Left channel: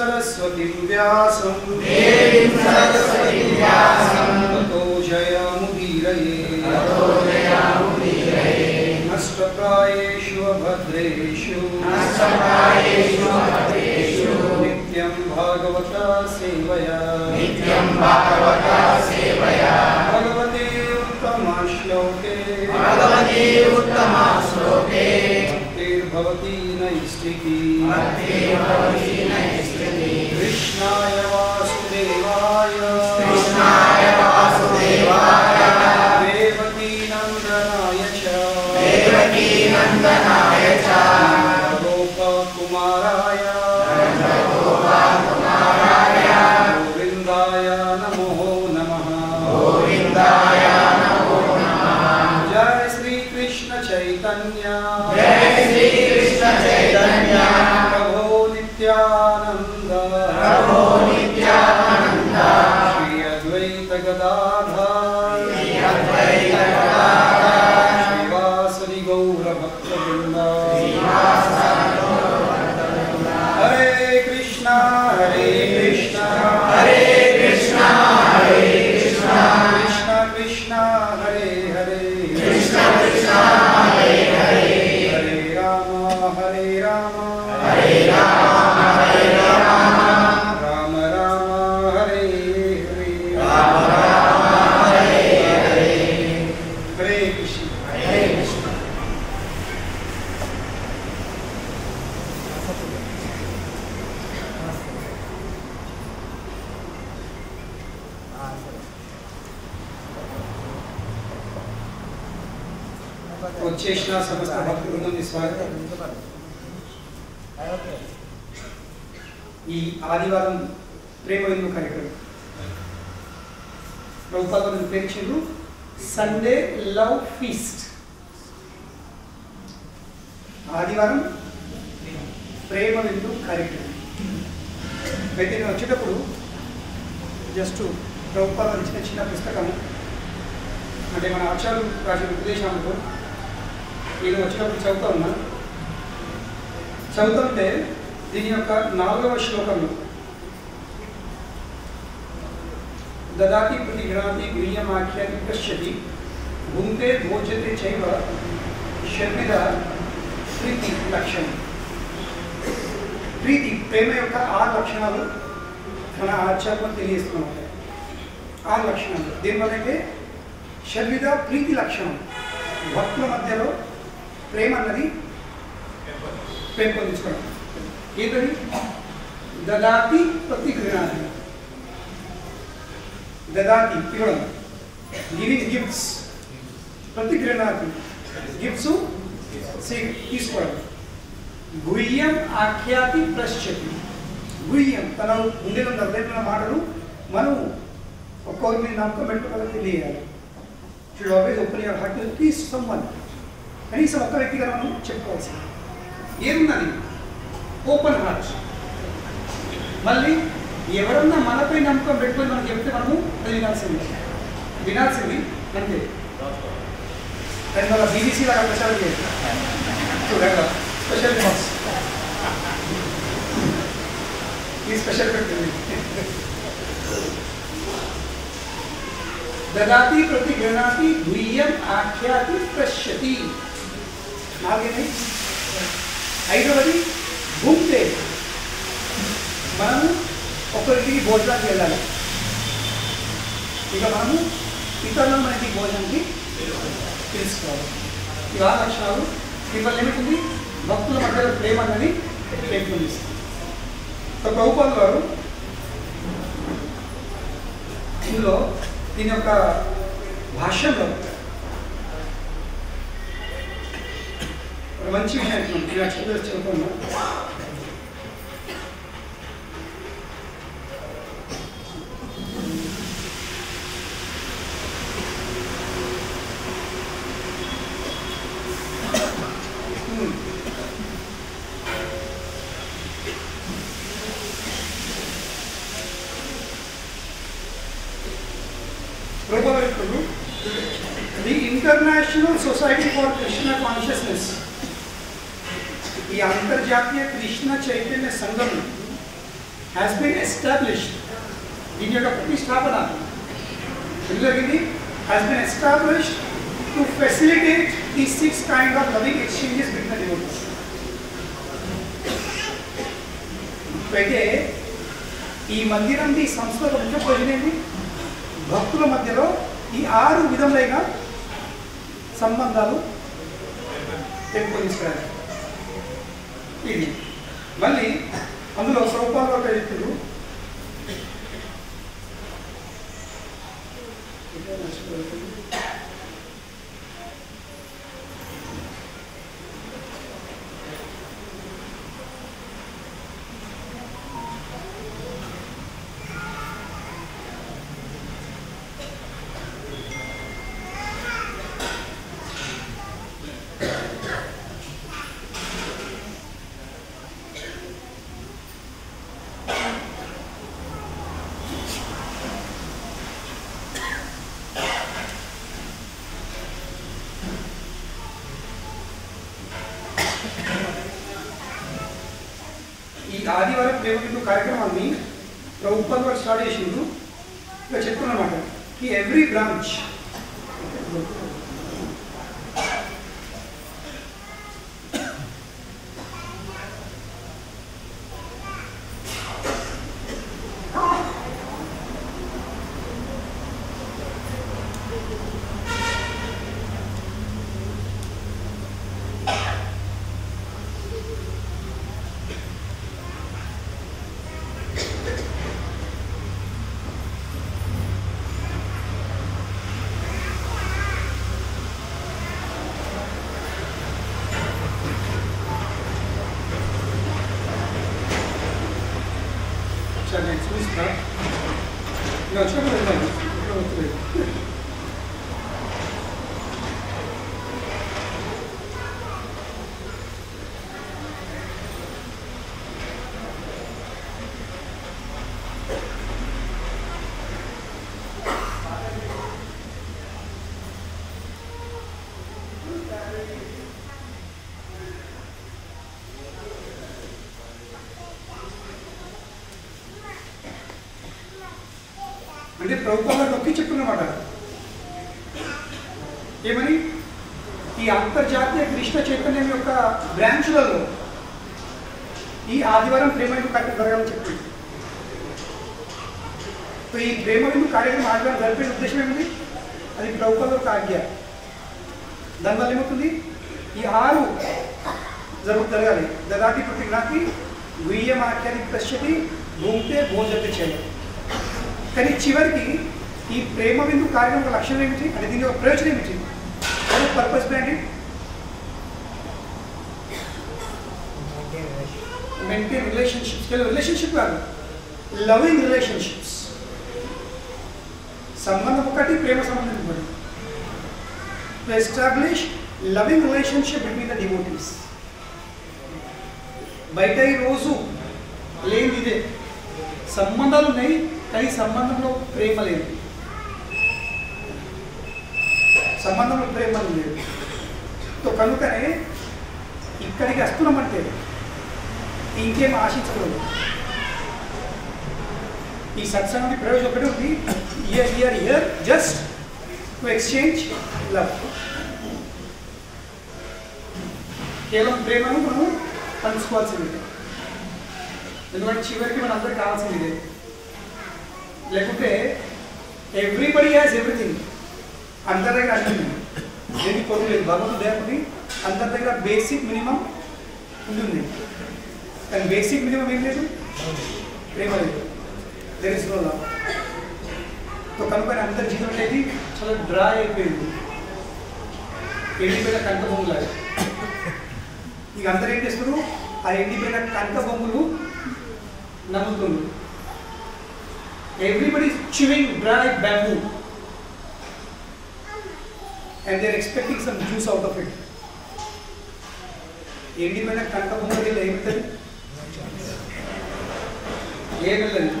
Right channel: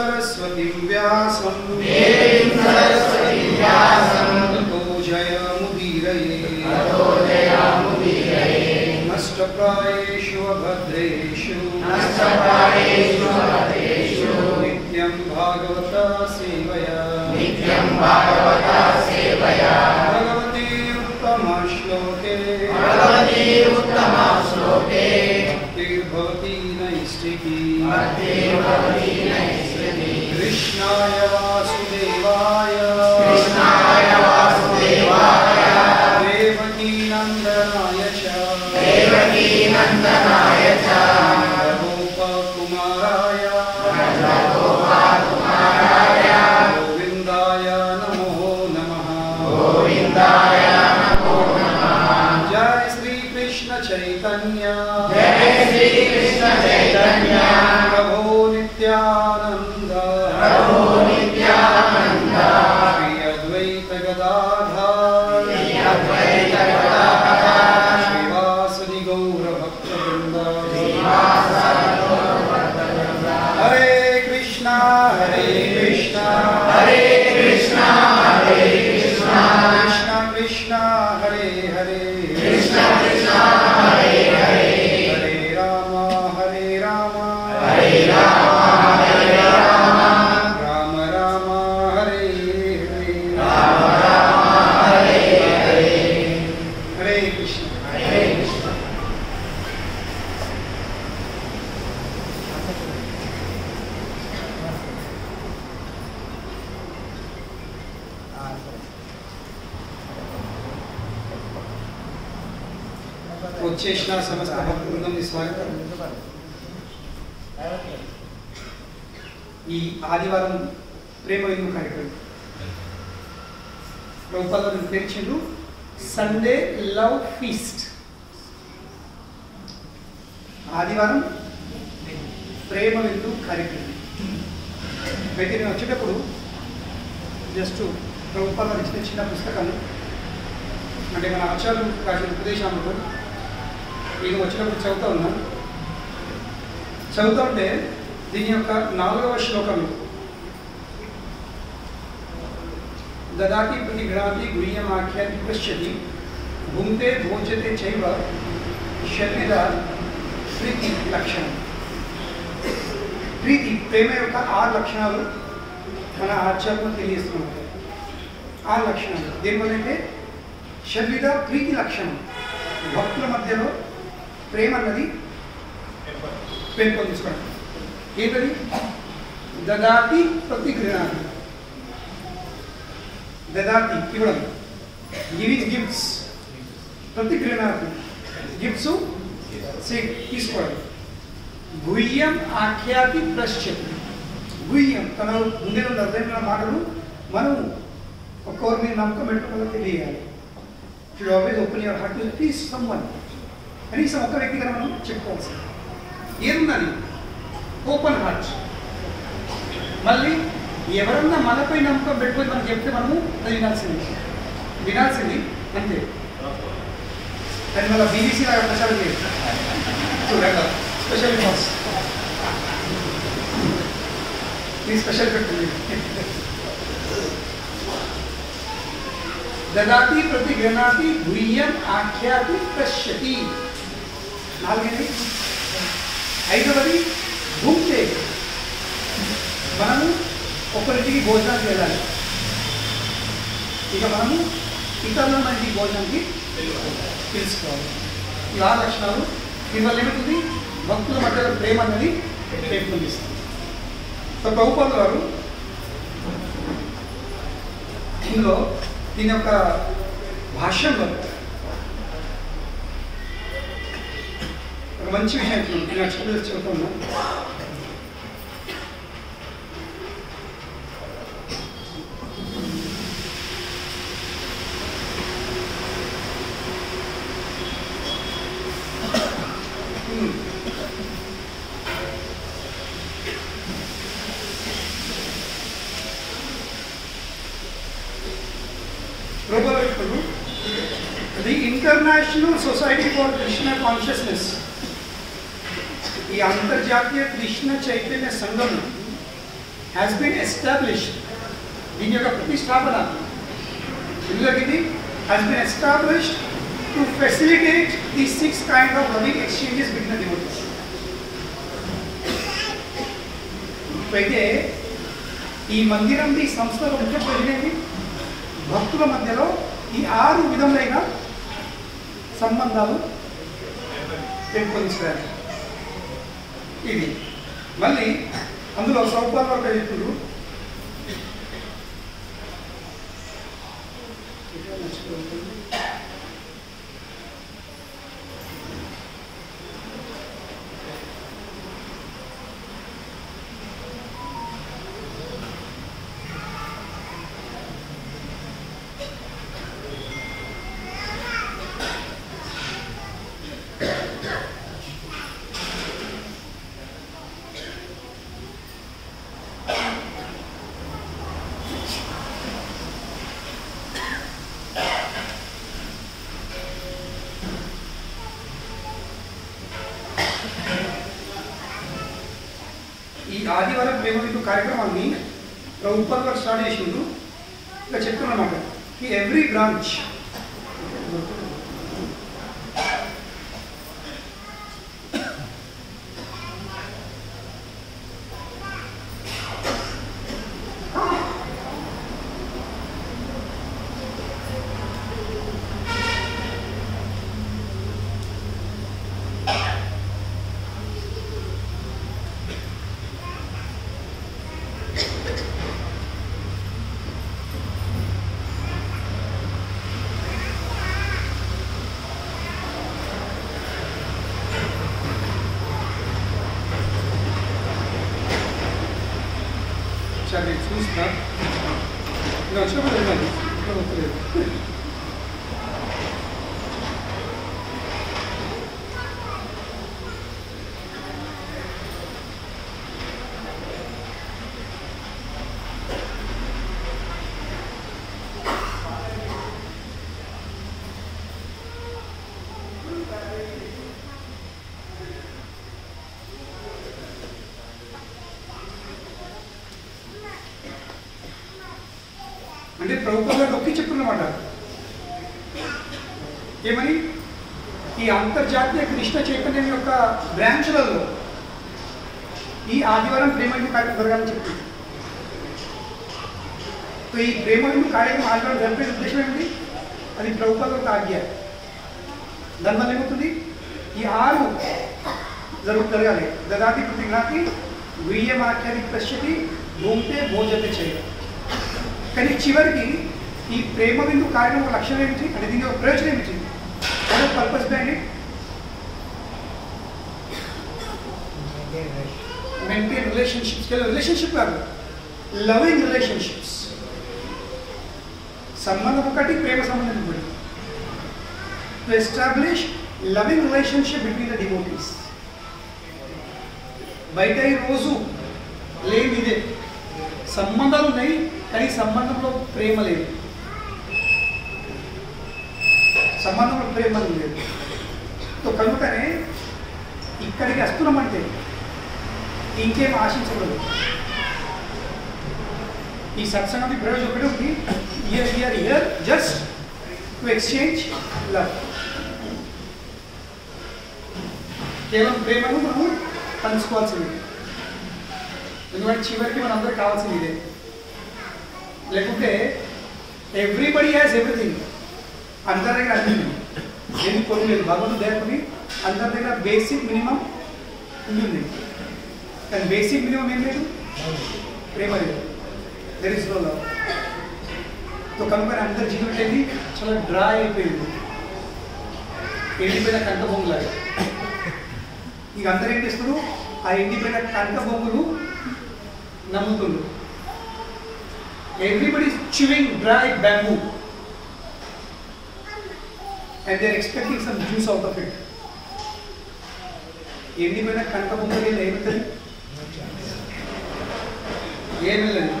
सरस्वती व्यासं ततो जयमुदीरये नष्टप्रायेषु अभद्रेषु नित्यं भागवता सेवया भगवते उत्तमश्लोके भक्तिर्भवति नैष्ठिकी कृष्णाय वासुदेवाय देवकी नंदनाय च गोपकुमाराय गोविन्दाय नमो नमः। जय श्री कृष्ण चैतन्य प्रभो नित्यानंद श्री अद्वैत गदाधर श्रीवासदि गौर भक्तवृंद। हरे कृष्णा कृष्ण कृष्ण कृष्ण हरे हरे हरे राम राम राम हरे हरे। हरे कृष्ण। వచ్చేసిన సమస్త భక్తులందరికీ స్వాగతం। ఈ ఆదివారం ప్రేమ విందు కార్యక్రమం ప్రభుపాద వారు ప్రేమించారు సండే లవ్ ఫీస్ట్। ఆదివారం ప్రేమ విందు కార్యక్రమం అయితే నేను వచ్చేటప్పుడు జస్ట్ ప్రభుపాద వారు ఇచ్చిన చిన్న పుస్తకము అంటే మన ఆచార్యులు రాసిన ఉపదేశాలతో నేను వచ్చినప్పుడు చదువుతా ఉన్నాను। చదువుతుంటే దీని యొక్క 4వ శ్లోకము దదాతి ప్రతి గృహాతి గుహ్యమాఖ్యాతి పశ్యతి భుంక్తే భోజ్యతే చైవ షడ్విధ ప్రీతి లక్షణం। ప్రీతి ప్రేమ యొక్క 6 లక్షణాలు మన ఆచార్యులు తెలియజేస్తున్నారు। 6 లక్షణాలు దీనివల్ల అయితే షడ్విధ ప్రీతి లక్షణం భక్తుల మధ్యలో ప్రేమ అన్నది పెంపొందించుకోవడం। ఏంటది? దదాతి ప్రతిగృహాతి, దదాతి ఇవ్వడం, గివింగ్ గిఫ్ట్స్, ప్రతిగృహాతి గిఫ్ట్స్ తీసుకోవడం, గుహ్యం ఆఖ్యాతి పశ్యతి, గుహ్యం తన ముందే ఉన్న హృదయంలో మాటలు మనం ఒక్కొక్కరి మీద నమ్మకం పెట్టుకోవాలని తెలియాలి। Should always open your heart to teach someone, కనీసం ఒక్క వ్యక్తిగా మనం చెప్పుకోవాల్సింది ఏమున్నది ఓపెన్ హార్ట్। మళ్ళీ ఎవరన్నా మనపై నమ్మకం పెట్టుకొని మనం చెప్తే మనము అది వినాల్సింది అంతే। దాని వల్ల బీబీసీ లాగా ప్రచారం చేయాలి చూడండి స్పెషల్ బాక్స్ ఈ స్పెషల్ పెట్టింది। దదాతి ప్రతిగృహాతి గుహ్యం ఆఖ్యాతి పశ్యతి 4 5వది భుంక్తే మనము ఒకరికి భోజనానికి వెళ్ళాలి, ఇక మనము ఇతరులను మన ఇంటికి భోజనానికి పిలుచుకోవాలి। ఈ 6 లక్షణాలు దీనివల్ల ఏమిటి భక్తుల మధ్యలో ప్రేమ అన్నది పెంపొందిస్తుంది। ప్రభుపాద వారు ఇందులో దీని యొక్క భాష్యంలో ఒక మంచి విషయం చెబుతున్నాను। The International Society for Krishna Consciousness, ఈ అంతర్జాతీయ కృష్ణ చైతన్య సంఘం హ్యాస్ బీన్ ఎస్టాబ్లిష్డ్, దీని యొక్క ప్రతిష్టాపన ఎందుకు జరిగింది? Has been established to facilitate the 6 kinds of loving exchanges between the devotees. అయితే ఈ మందిరం ఈ సంస్థ ముఖ్య ప్రయోజనం ఏంటి? భక్తుల మధ్యలో ఈ 6 విధములైన సంబంధాలు పెంపొందించడానికి. ఇది మళ్ళీ అందులో ప్రభుపాద వారు చెప్తున్నారు, ఈ ఆదివారం ప్రేమ బిందు కార్యక్రమాన్ని ప్రభుత్వాలు వారు స్టార్ట్ చేసిండ్రు. ఇలా చెప్తున్నమాట ఈ ఎవ్రీ బ్రాంచ్ చూస్తా ఇలా వచ్చినప్పుడు వెళ్ళాను, ఇక్కడ వస్తలేదు. అంటే ప్రభుత్వాలు నొక్కి చెప్తున్నమాట ఏమని? ఈ అంతర్జాతీయ కృష్ణ చైతన్యం యొక్క బ్రాంచ్లలో ఈ ఆదివారం ప్రేమ బిందు కార్యక్రమం జరగాలని చెప్తుంది. సో ఈ ప్రేమ బిందు కార్యక్రమం ఆదివారం జరిపే ఉద్దేశం ఏమిటి? అది ప్రభుత్వాల యొక్క ఆజ్ఞ. దానివల్ల ఏమవుతుంది? ఈ 6 జరగాలి. దదాతి ప్రతిజ్ఞాతి గుయ్యం ఆఖ్యాతి పశ్యతి భూమితే భోజతే చేయాలి. కానీ చివరికి ఈ ప్రేమ బిందు కార్యక్రమం ఒక లక్ష్యం ఏమిటి? అంటే దీని యొక్క ప్రయోజనం ఏమిటి? What is purpose behind it? Maintain relationships. Relationship కాదు, లవింగ్ రిలేషన్షిప్స్. సంబంధం ఒకటి, ప్రేమ సంబంధం ఒకటి. To establish loving relationship between the devotees. బయట ఈ రోజు లేని ఇదే సంబంధాలు ఉన్నాయి, కానీ సంబంధంలో ప్రేమ లేదు. సంబంధంలో ప్రేమ లేదు. సో కనుకనే ఇక్కడికి వస్తున్నామంటే ఇంకేం ఆశించకూడదు. ఈ సత్సంగం ప్రయోజనం ఒకటి ఉంది, year just to exchange love. కేవలం ప్రేమను మనము పంచుకోవాల్సింది. ఎందుకంటే చివరికి మన అందరికి కావాల్సింది ఇదే. లేకుంటే ఎవ్రీబడి హ్యాస్ ఎవ్రీథింగ్, అందరి దగ్గర అన్ని ఏది పొరుగు లేదు. భగవంతుడు లేకపోతే అందరి దగ్గర బేసిక్ మినిమం ఉంది. కానీ బేసిక్ మినిమం ఏం లేదు, ప్రేమ లేదు. There is no love. So కనుక అందరి జీవితం అనేది చాలా డ్రై అయిపోయింది, ఎండిపోయిన కంట బొమ్మలాగా. ఇక అందరు ఏం చేస్తారు? ఆ ఎండిపోయిన కంట బొమ్మలు నమ్ముతున్నారు. Everybody is chewing dry bamboo and they are expecting some juice out of it. ఎండిపోయిన కంట బొమ్మలకి వెళ్ళి ఏమవుతుంది? ఏమి వెళ్ళదు.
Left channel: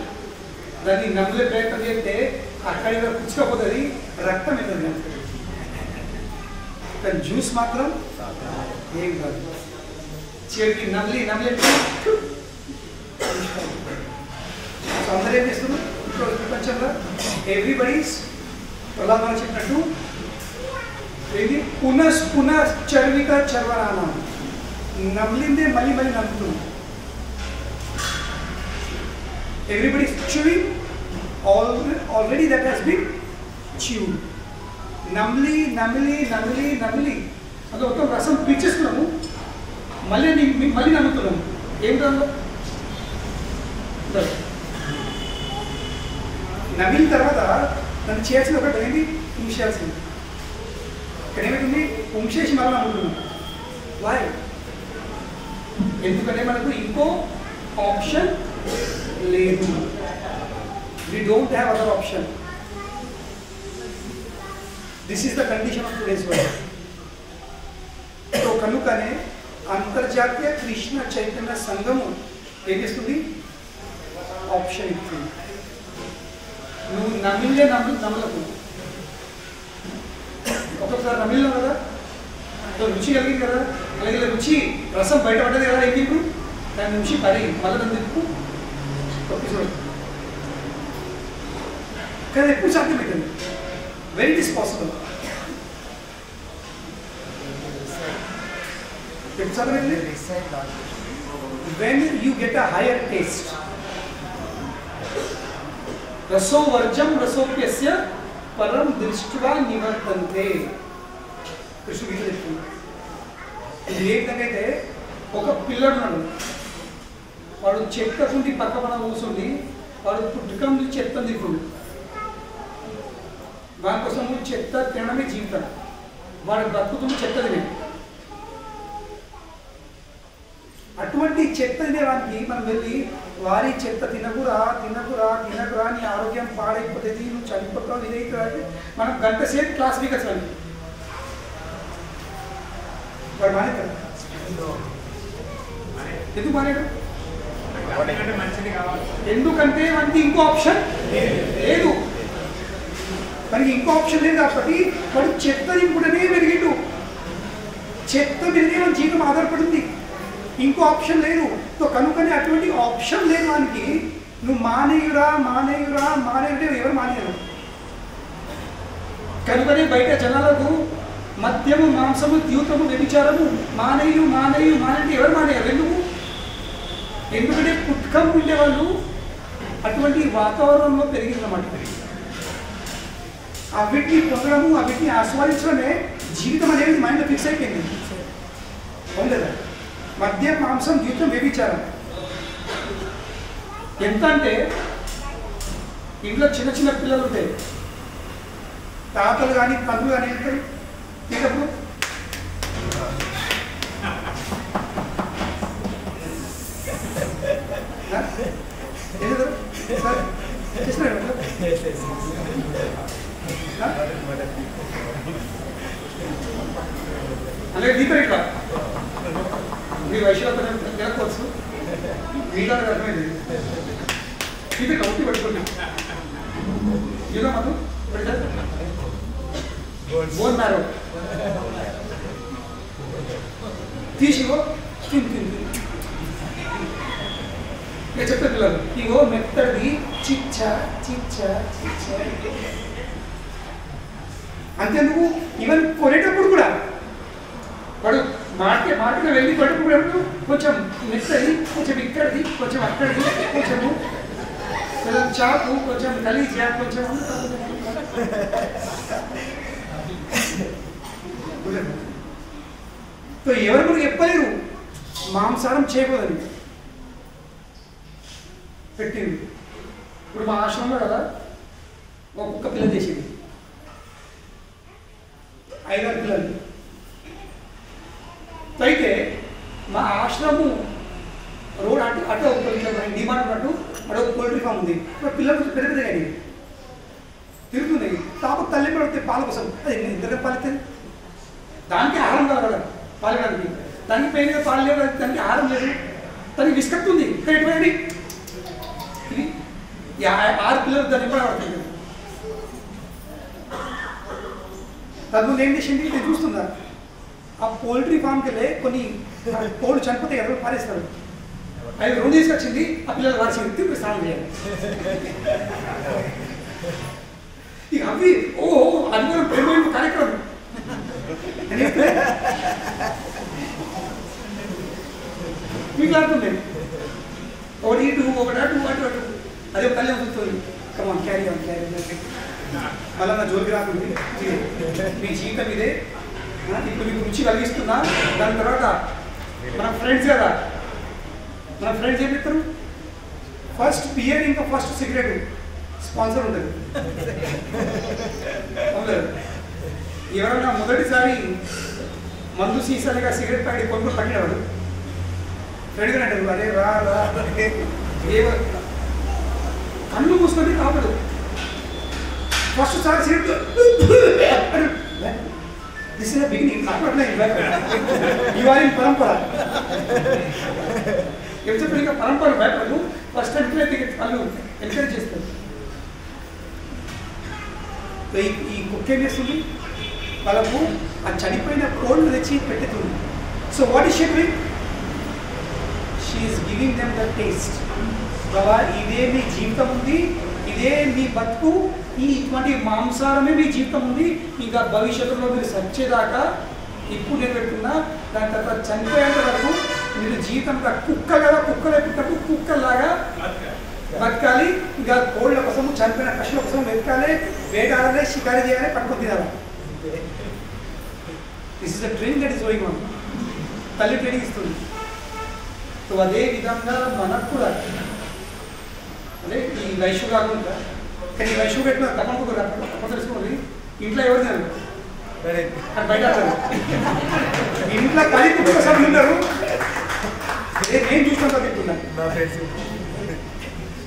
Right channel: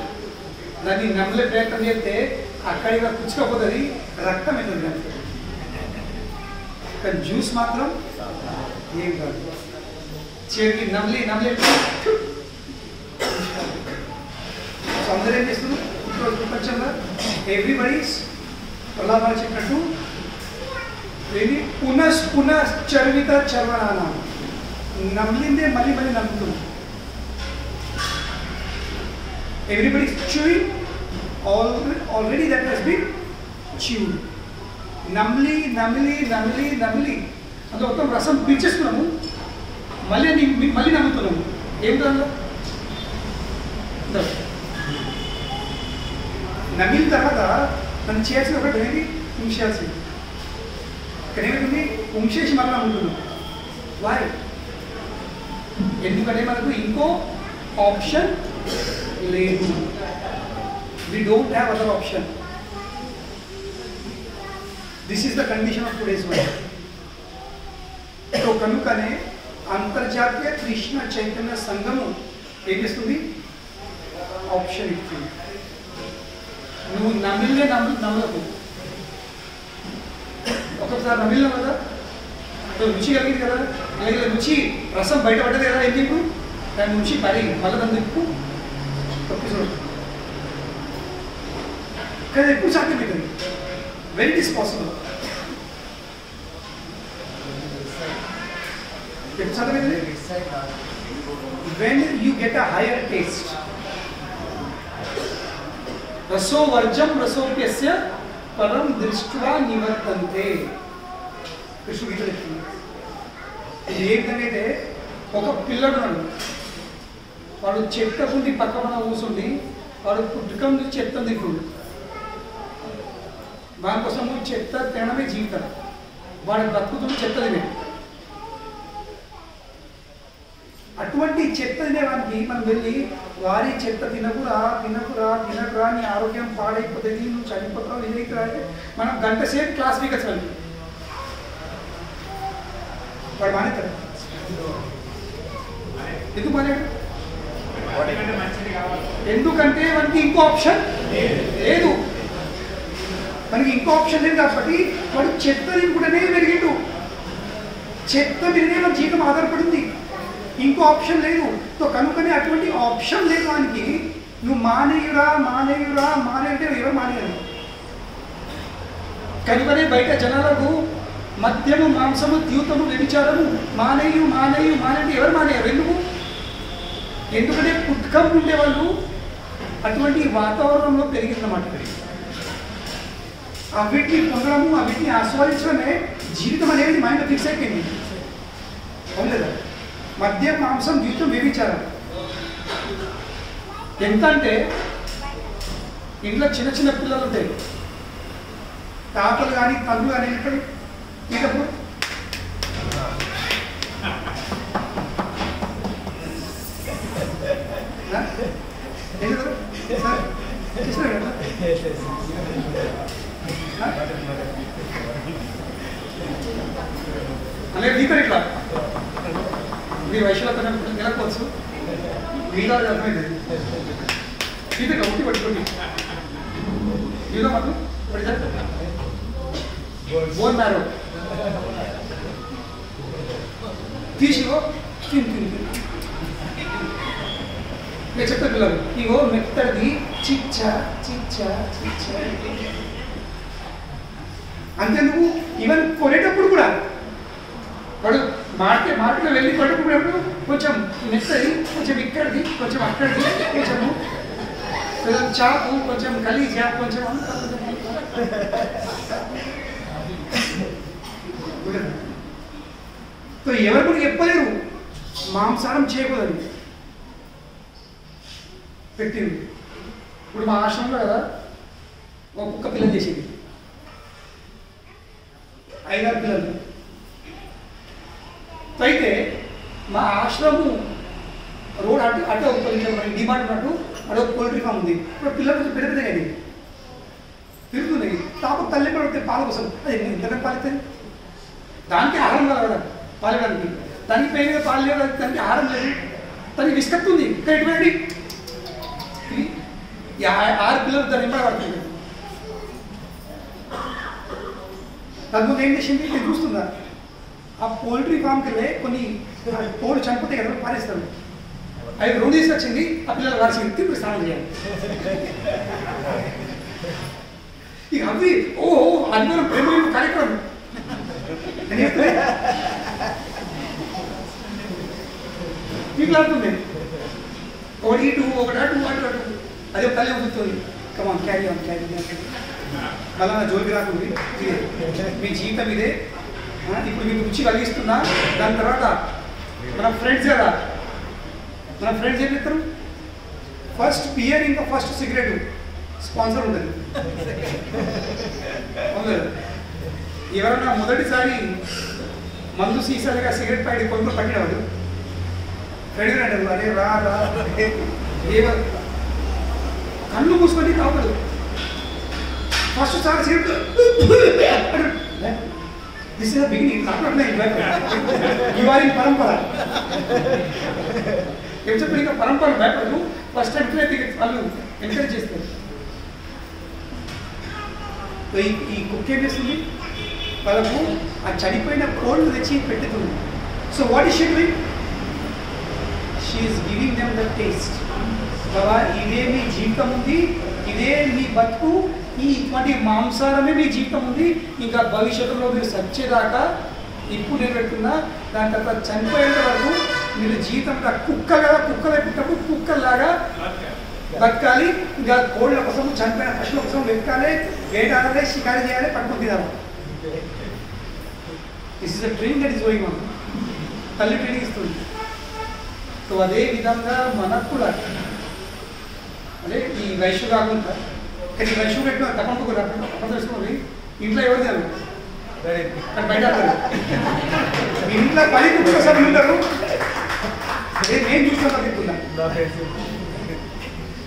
దాన్ని నమ్మలే ప్రయత్నం చేస్తే అక్కడికి పుచ్చుకపోతుంది, రక్తం అవుతుంది. కానీ జ్యూస్ మాత్రం ఏం కాదు. చివరికి నమ్లి ఎవ్రీబడీస్ ప్రహ్లాదాలు చెప్పినట్టు ఇది పునశ్చర్విత చర్వనాన, నమిలిందే మళ్ళీ మళ్ళీ నలుపుతుంది. Everybody chewing already that has been chewed. నమిలి నమిలి నమిలి నమిలి అది మొత్తం రసం పీల్చేసుకున్నాము, మళ్ళీ నమ్ముతున్నాము. ఏమిటో నమిలిన తర్వాత నన్ను చేయాల్సింది ఒకటి అనేది ఉంచేయాల్సింది. ఇక్కడ ఏమైతుంది, ఉంచేసి మళ్ళీ నమ్ముతున్నాం. వాయ్? ఎందుకంటే మనకు ఇంకో ఆప్షన్ లేదు. We don't have other option. This is the condition of today's world. So కనుకనే అంతర్జాతీయ కృష్ణ చైతన్య సంఘము ఏం చేస్తుంది, ఆప్షన్ ఇస్తుంది. నువ్వు నమ్మలకు ఒక్కొక్కసారి నమిలినావు కదా, రుచి కలిగింది కదా, అలాగే రుచి రసం బయటపడ్డది కదా, ఏం చెప్పు దాని నుంచి పరిగి మళ్ళీ దాన్ని తిప్పు తప్పి చూడు. కానీ ఎప్పుడు సాధ్యమవుతుంది? When it is possible? ఎప్పుడు సాధ్యమవుతుంది? When you get a higher taste. రసో వర్జం రసోప్యస్య పరం దృష్ట్యా నివర్తంతే. కృష్ణుడు గీత చెప్తుంది. ఇది ఏ విధంగా అయితే ఒక పిల్లడు ఉన్నాడు, వాడు చెత్త కుండి పక్క మన కూర్చుండి వాడు పుట్టుకం నుంచి చెత్త తింటుండు. దానికోసం చెత్త తినడమే జీవితం. వాడు బతుకుతుండే చెత్త తినే. అటువంటి చెత్త తినేవానికి మనం వెళ్ళి వారి చెత్త తినకురా తినకురా తినకురా, నీ ఆరోగ్యం పాడైపోతుంది, నువ్వు చనిపోతావు, ఇదైతే మనం గంట సేపు క్లాస్ వీక్ వచ్చాను. వాడు మానేతాడు. ఎందుకు మానేడు? ఎందుకంటే మనకి ఇంకో ఆప్షన్ లేదు. మనకి ఇంకో ఆప్షన్ లేదు కాబట్టి వాడు చెత్త తినకుండానే పెరిగిండు. చెత్త మీదనే మన జీవితం ఆధారపడింది. ఇంకో ఆప్షన్ లేదు. సో కనుకనే అటువంటి ఆప్షన్ లేదు వానికి. నువ్వు మానేయురా మానేయురా మానేయుడే ఎవరు మానేయరు. కనుకనే బయట జనాలకు మద్యము మాంసము ద్యూతము వ్యభిచారము మానేయు మానేయు మానేయండి ఎవరు మానేయరు. ఎందుకు? ఎందుకంటే పుట్టుకం ఉండే వాళ్ళు అటువంటి వాతావరణంలో పెరిగిందన్నమాట. ఆ వీటిని పొందడము, ఆ వీటిని ఆస్వాదించడమే జీవితం అనేది మైండ్లో ఫిక్స్ అయిపోయింది. అవునులేదా? మద్యం మాంసం ద్యూతం వ్యభిచారం ఎంత అంటే ఇంట్లో చిన్న చిన్న పిల్లలు ఉంటాయి, తాతలు కానీ తండ్రులు కానీ వెళ్తారు తీటప్పుడు సార్ చేస్తారు అలాగే దీపరు ఇట్లా మీ వయసులో కొంచెం గెలకపోవచ్చు, మీలో అర్థమైంది. ఇది ఇట్లా ఉట్టి పట్టుకోండి. ఏదో మాకు బోన్ మ్యారో తీసిగో తిని ఇక చెప్తారు పిల్లలు, ఇగో మెత్తది చిచ్చ చిచ్చ చిచ్చ. అంతేందుకు ఈవెన్ కొనేటప్పుడు కూడా వాడు మార్కెట్లో వెళ్ళి కొనేటప్పుడు కొంచెం మెత్తది, కొంచెం ఇక్కడిది, కొంచెం అక్కడిది, కొంచెము కొంచెం చాకు, కొంచెం కలీజా, కొంచెం సో ఎవరు కూడా చెప్పలేరు మాంసాహారం చేయకూడదని పెట్టింది. ఇప్పుడు మా ఆశ్రమంలో కదా ఒక్క పిల్లలు చేసింది, 5-6 పిల్లలు. అయితే మా ఆశ్రమము రోడ్ అటు ఒక డిమాండ్ ఉన్నట్టు అటు ఒక పోల్ట్రీ ఫామ్ ఉంది. ఇప్పుడు పిల్లలు కొంచెం పెరుగుతుంది కానీ తిరుగుతున్నాయి. తాపకు తల్లి పడితే పాల కోసం అది ఎంతకంటే పాలిస్తుంది. దానికి ఆహారం కాదు కదా పాలడానికి, దానికి పెయిన్గా పాలు లేదు, దానికి ఆహారం లేదు, దానికి విసుకత్తుంది. ఇక్కడ ఎటువంటి ఇది 6 పిల్లలు దాన్ని పడుతుంది. తద్ముందు ఏం చేసింది నేను చూస్తుందా, ఆ పోల్ట్రీ ఫామ్కి వెళ్ళి కొన్ని కోళ్ళు చనిపోతే కదా పారేస్తారు, అవి 2 తీసుకొచ్చింది, ఆ పిల్లలు వారిసింది ఇప్పుడు స్నానం చేయాలి. ఇక అవి ఓహో ఆదివారం ప్రేమ కార్యక్రమం అని మీకు లాడుతుంది. ఒకటి ఇటు ఒకటి అటు అటు అటు అదే తల్లి అవుతుంది. కమాన్ క్యారీ ఆన్ క్యారీ మళ్ళీ నా జోలికి రాకుంది. మీ జీవితం ఇదే. ఇప్పుడు మీకు రుచి కలిగిస్తున్నా. దాని తర్వాత మన ఫ్రెండ్స్ కదా, మన ఫ్రెండ్స్ ఏం చెప్తారు, ఫస్ట్ బియర్ ఇంకా ఫస్ట్ సిగరెట్ స్పాన్సర్ ఉంటుంది. ఎవరన్నా మొదటిసారి మందు సీసాలుగా సిగరెట్ ప్యాకెట్ కొనుక్కొని పట్టినవాడు ఫ్రెండ్గా అంటారు, అరే రా రా కన్ను మూసుకొని తాపడు. ఫస్ట్ సారి cigarette this is the beginning. You are in పరంపర. ఏం చెప్పారు, ఇంకా పరంపర భయపడదు. ఫస్ట్ టైం వాళ్ళు ఎంకరేజ్ చేస్తారు. ఈ కుక్క ఏం చేస్తుంది, వాళ్ళకు ఆ చనిపోయిన కోల్డ్ తెచ్చి పెట్టుతుంది. So what is she doing, she is giving them the taste. బాబా ఇదే మీ జీవితం ఉంది, ఇదే మీ బతుకు, ఇటువంటి మాంసారమే మీ జీవితం ఉంది. ఇంకా భవిష్యత్తులో మీరు సచ్చేదాకా ఇప్పుడు నేను పెడుతున్నా. దాని తర్వాత చనిపోయేంత వరకు మీరు జీవితం కుక్క కదా, కుక్కలే పుట్టకు కుక్కలాగా బతకాలి. ఇంకా కోళ్ళ కోసం, చనిపోయిన పశువుల కోసం వెతకాలి, వేటాడాలి, షికారు చేయాలి, పట్టుకొని తినాలి. This is the training that is going on. తల్లి ట్రైనింగ్ ఇస్తుంది. సో అదే విధంగా మనకు కూడా అదే ఈ వైశ్య కాకుండా, కానీ ఈ వైశ్య పెట్టిన తప్పకుండా అక్కడ తెలుసుకోవాలి. ఇంట్లో ఎవరు తినరు, కానీ బయట ఇంట్లో 10 కుటుంబ సభ్యులు ఉంటారు. నేను చూసిన తింటున్నా